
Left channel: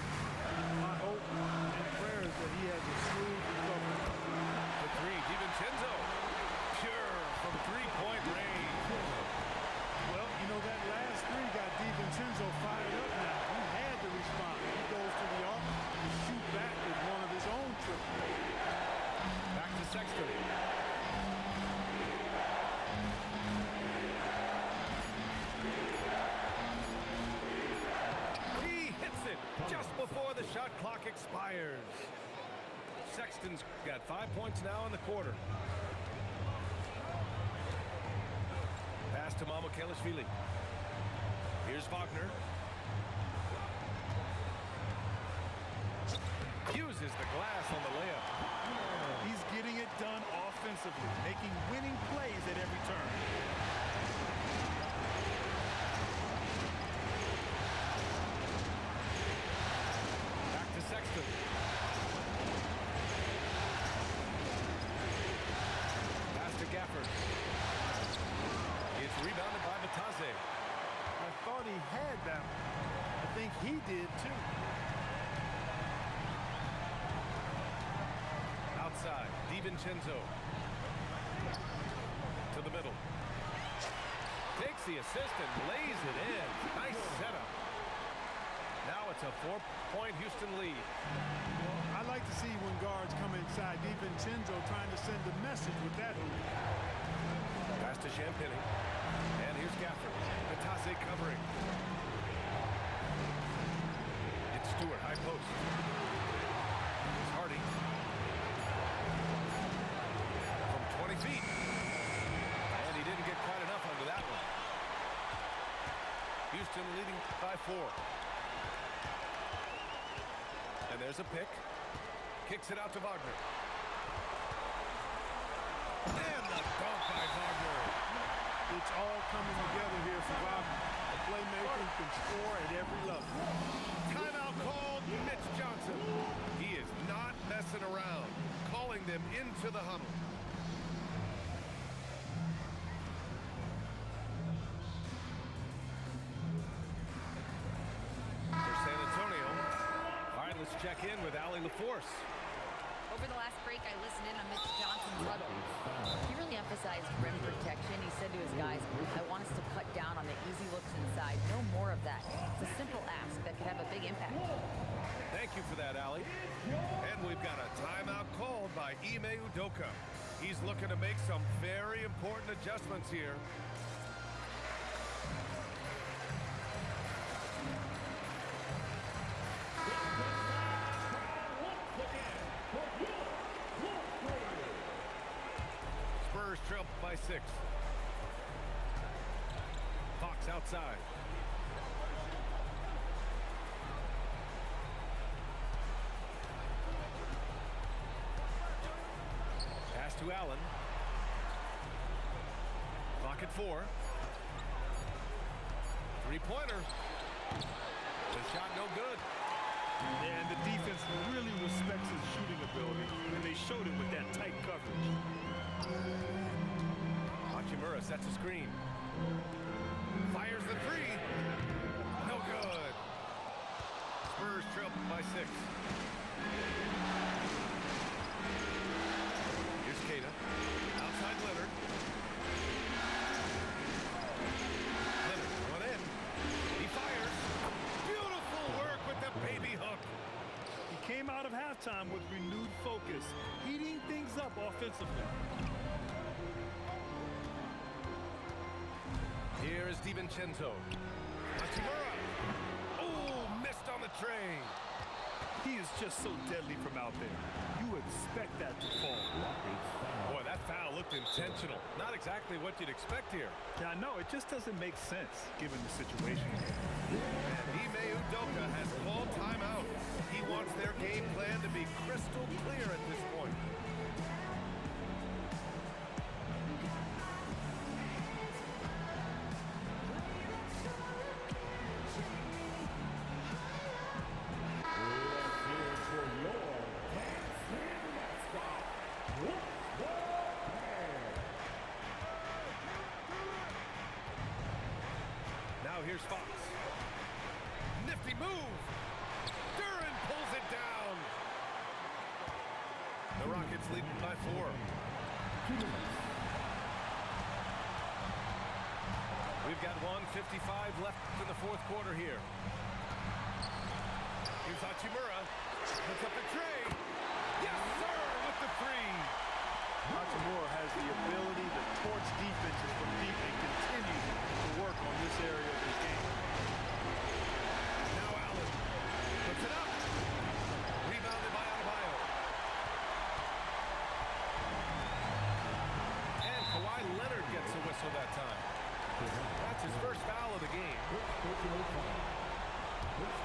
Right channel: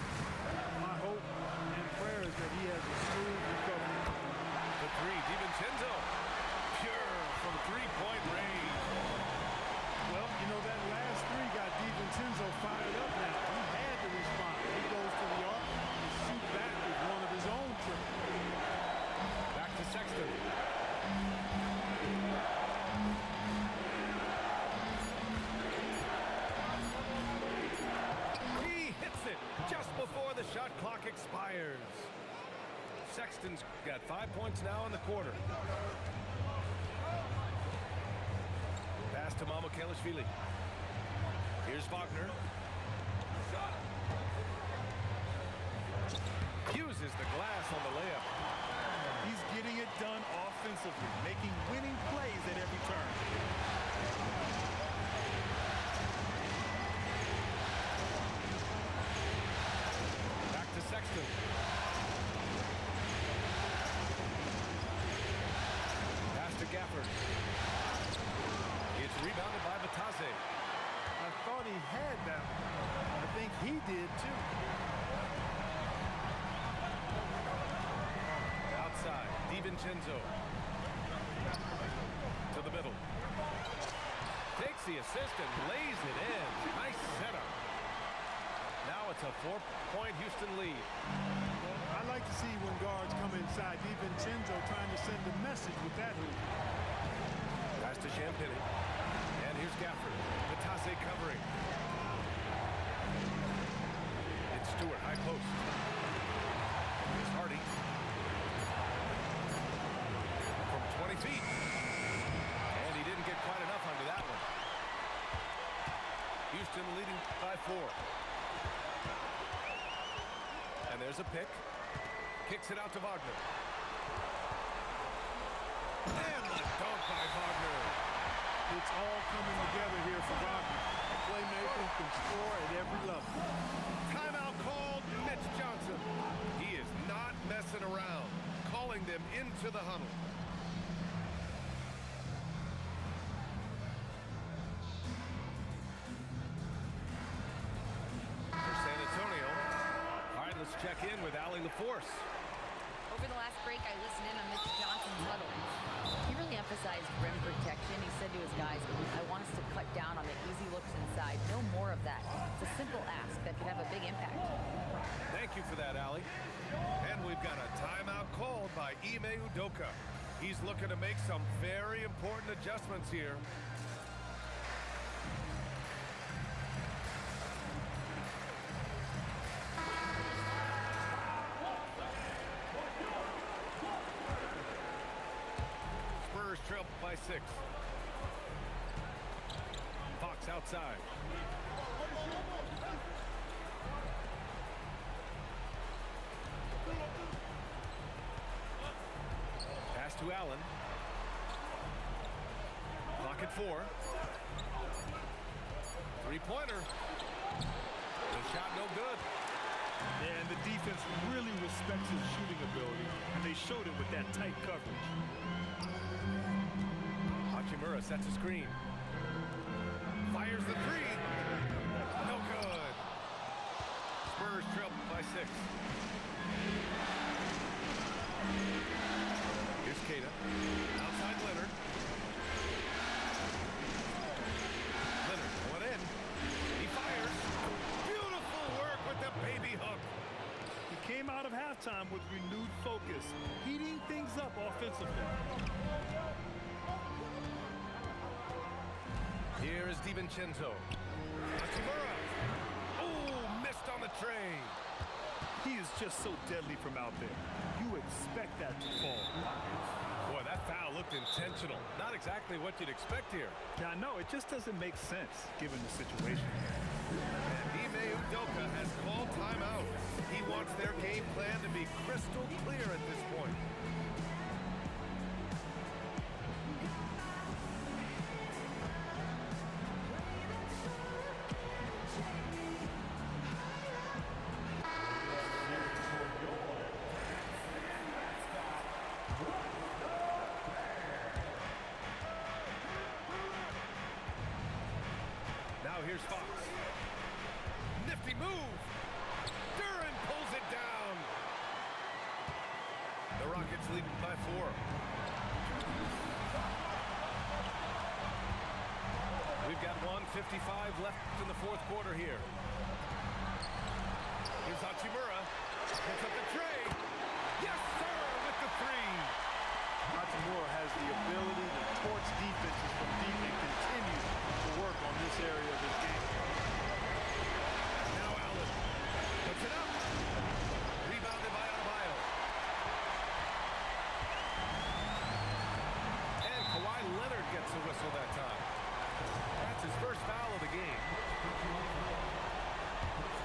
My hope and prayer is that he has a smooth recovery. The three, DiVincenzo. Pure from three-point range. Well, you know, that last three got DiVincenzo fired up now. He had to respond. He goes to the arc and shoot back with one of his own triples. Back to Sexton. just before the shot clock expires. Sexton's got 5 points now in the quarter. Pass to Mamukelashvili. Here's Wagner. Uses the glass on the layup. He's getting it done offensively, making winning plays at every turn. Back to Sexton. Pass to Gafford. It's rebounded by Batase. I thought he had that one. I think he did too. Outside, DiVincenzo. To the middle. Takes the assist and lays it in. Nice setup. Now it's a 4-point Houston lead. Well, I like to see when guards come inside. DiVincenzo trying to send a message with that hoop. Pass to Champagny. And here's Gafford. Batase covering. It's Stewart, high post. Here's Hardy. From 20 feet. And he didn't get quite enough under that one. Houston leading by 4. And there's a pick. Kicks it out to Wagner. And the dunk by Wagner. It's all coming together here for Wagner. A playmaker who can score at every level. Timeout called, Mitch Johnson. He is not messing around, calling them into the huddle. For San Antonio. All right, let's check in with Allie LaForce. Over the last break, I listened in on Mitch Johnson's huddle. He really emphasized rim protection. He said to his guys, I want us to cut down on the easy looks inside. No more of that. It's a simple ask that could have a big impact. Thank you for that, Allie. And we've got a timeout called by Ime Udoka. He's looking to make some very important adjustments here. Spurs trail by 6. Fox outside. Pass to Allen. Clock at 4. Three-pointer. The shot no good. Yeah, and the defense really respects his shooting ability, and they showed it with that tight coverage. Hachimura sets a screen. Fires the 3. No good. Spurs trail by 6. Here's Queta. Outside Leonard. Leonard going in. He fires. Beautiful work with the baby hook. He came out of halftime with renewed focus, heating things up offensively. Here is DiVincenzo. Hachimura. Oh, missed on the tray. He is just so deadly from out there. You expect that to fall. Boy, that foul looked intentional. Not exactly what you'd expect here. Yeah, I know. It just doesn't make sense given the situation. And Ime Udoka has called timeout. He wants their game plan to be crystal clear at this point. Now here's Fox. Nifty move. Duran pulls it down. The Rockets lead by 4. We've got 1:55 left in the fourth quarter here. Here's Hachimura. Puts up the tray. Yes, sir, with the 3. Hachimura has the ability to torch defenses from deep and continues to work on this area of his game. Now Allen puts it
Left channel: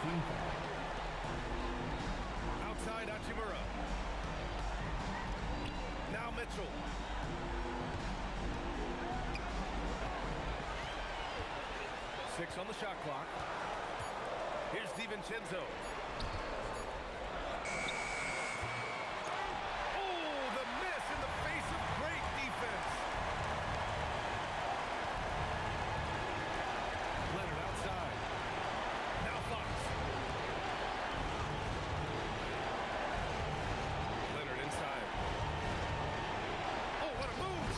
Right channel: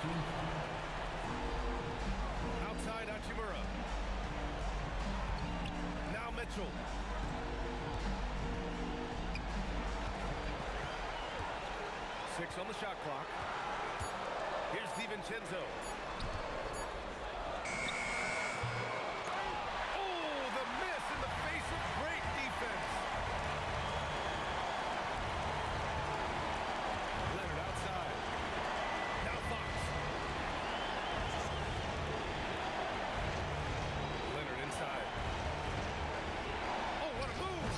team foul. Outside Hachimura. Now Mitchell. Six on the shot clock. Here's DiVincenzo. Oh, the miss in the face of great defense. Leonard outside. Now Fox. Leonard inside. Oh, what a move!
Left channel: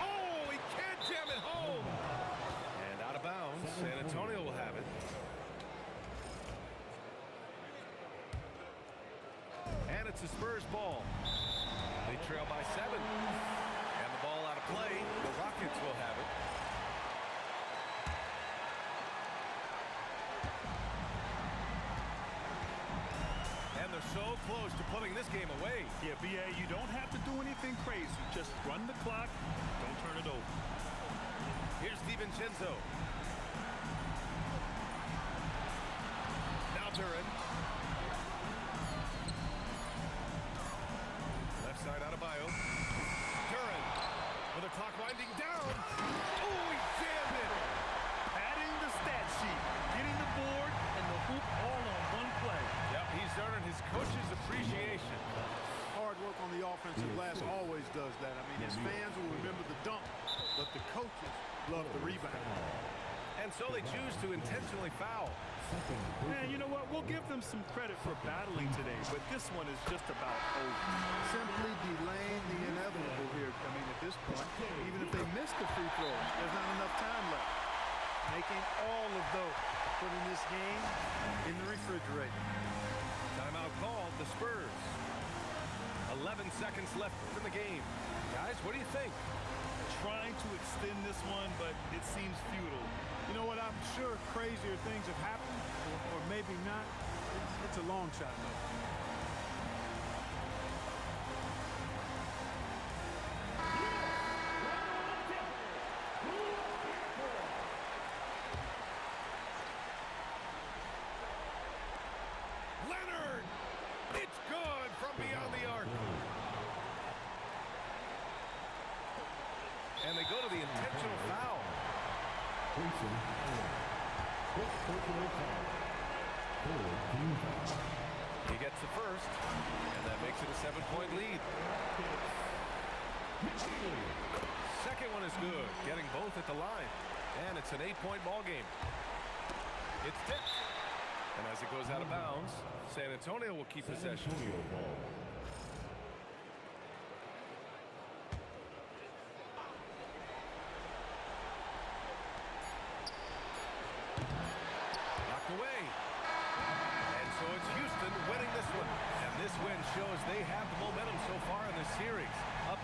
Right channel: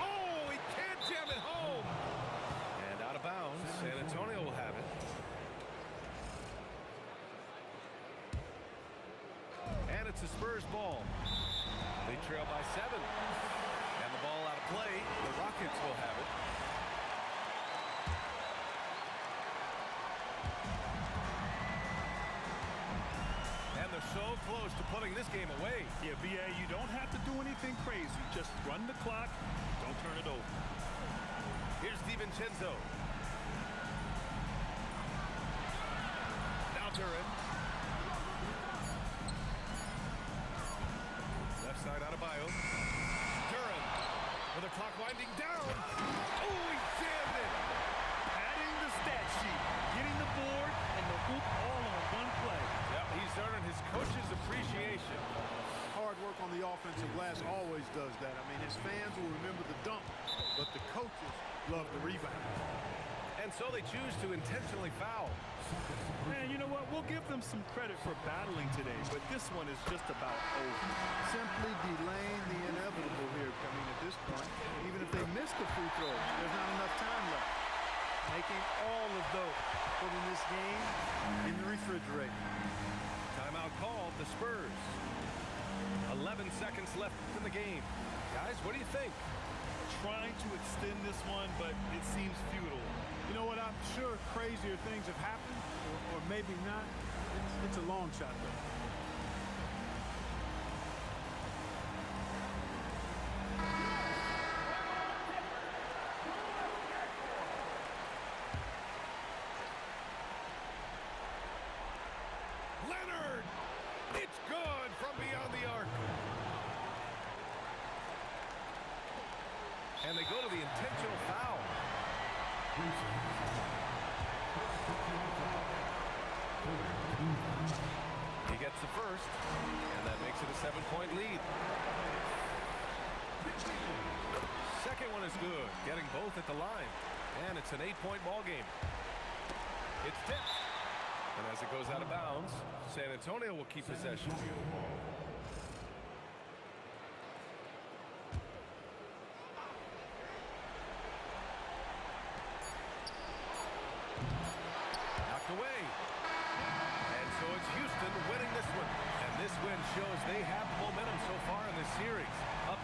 Oh, he can't jam it home! And out of bounds, San Antonio will have it. And it's the Spurs ball. They trail by 7. And the ball out of play. The Rockets will have it. And they're so close to putting this game away. Yeah, B.A., you don't have to do anything crazy. Just run the clock. Don't turn it over. Here's DiVincenzo. Now Duran. Left side out of Bio. Duran with the clock winding down. Oh, he jammed it. Adding the stat sheet, getting the board, and the hoop all on one play. Yep, he's earning his coach's appreciation. Hard work on the offensive glass always does that. I mean, his fans will remember the dunk, but the coaches love the rebound. And so they choose to intentionally foul. And you know what? We'll give them some credit for battling today, but this one is just about over. Simply delaying the inevitable here. I mean, at this point, even if they miss the free throws, there's not enough time left. Making all of those, putting this game in the refrigerator. Timeout called, the Spurs. 11 seconds left in the game. Guys, what do you think? Trying to extend this one, but it seems futile. You know what? I'm sure crazier things have happened, or maybe not. It's a long shot, though. Leonard! It's good from beyond the arc. And they go to the intentional foul. He gets the first, and that makes it a 7-point lead. Second one is good, getting both at the line. And it's an 8-point ball game. It's tipped. And as it goes out of bounds, San Antonio will keep possession. Knocked away. And so it's Houston winning this one. And this win shows they have the momentum so far in this series. Up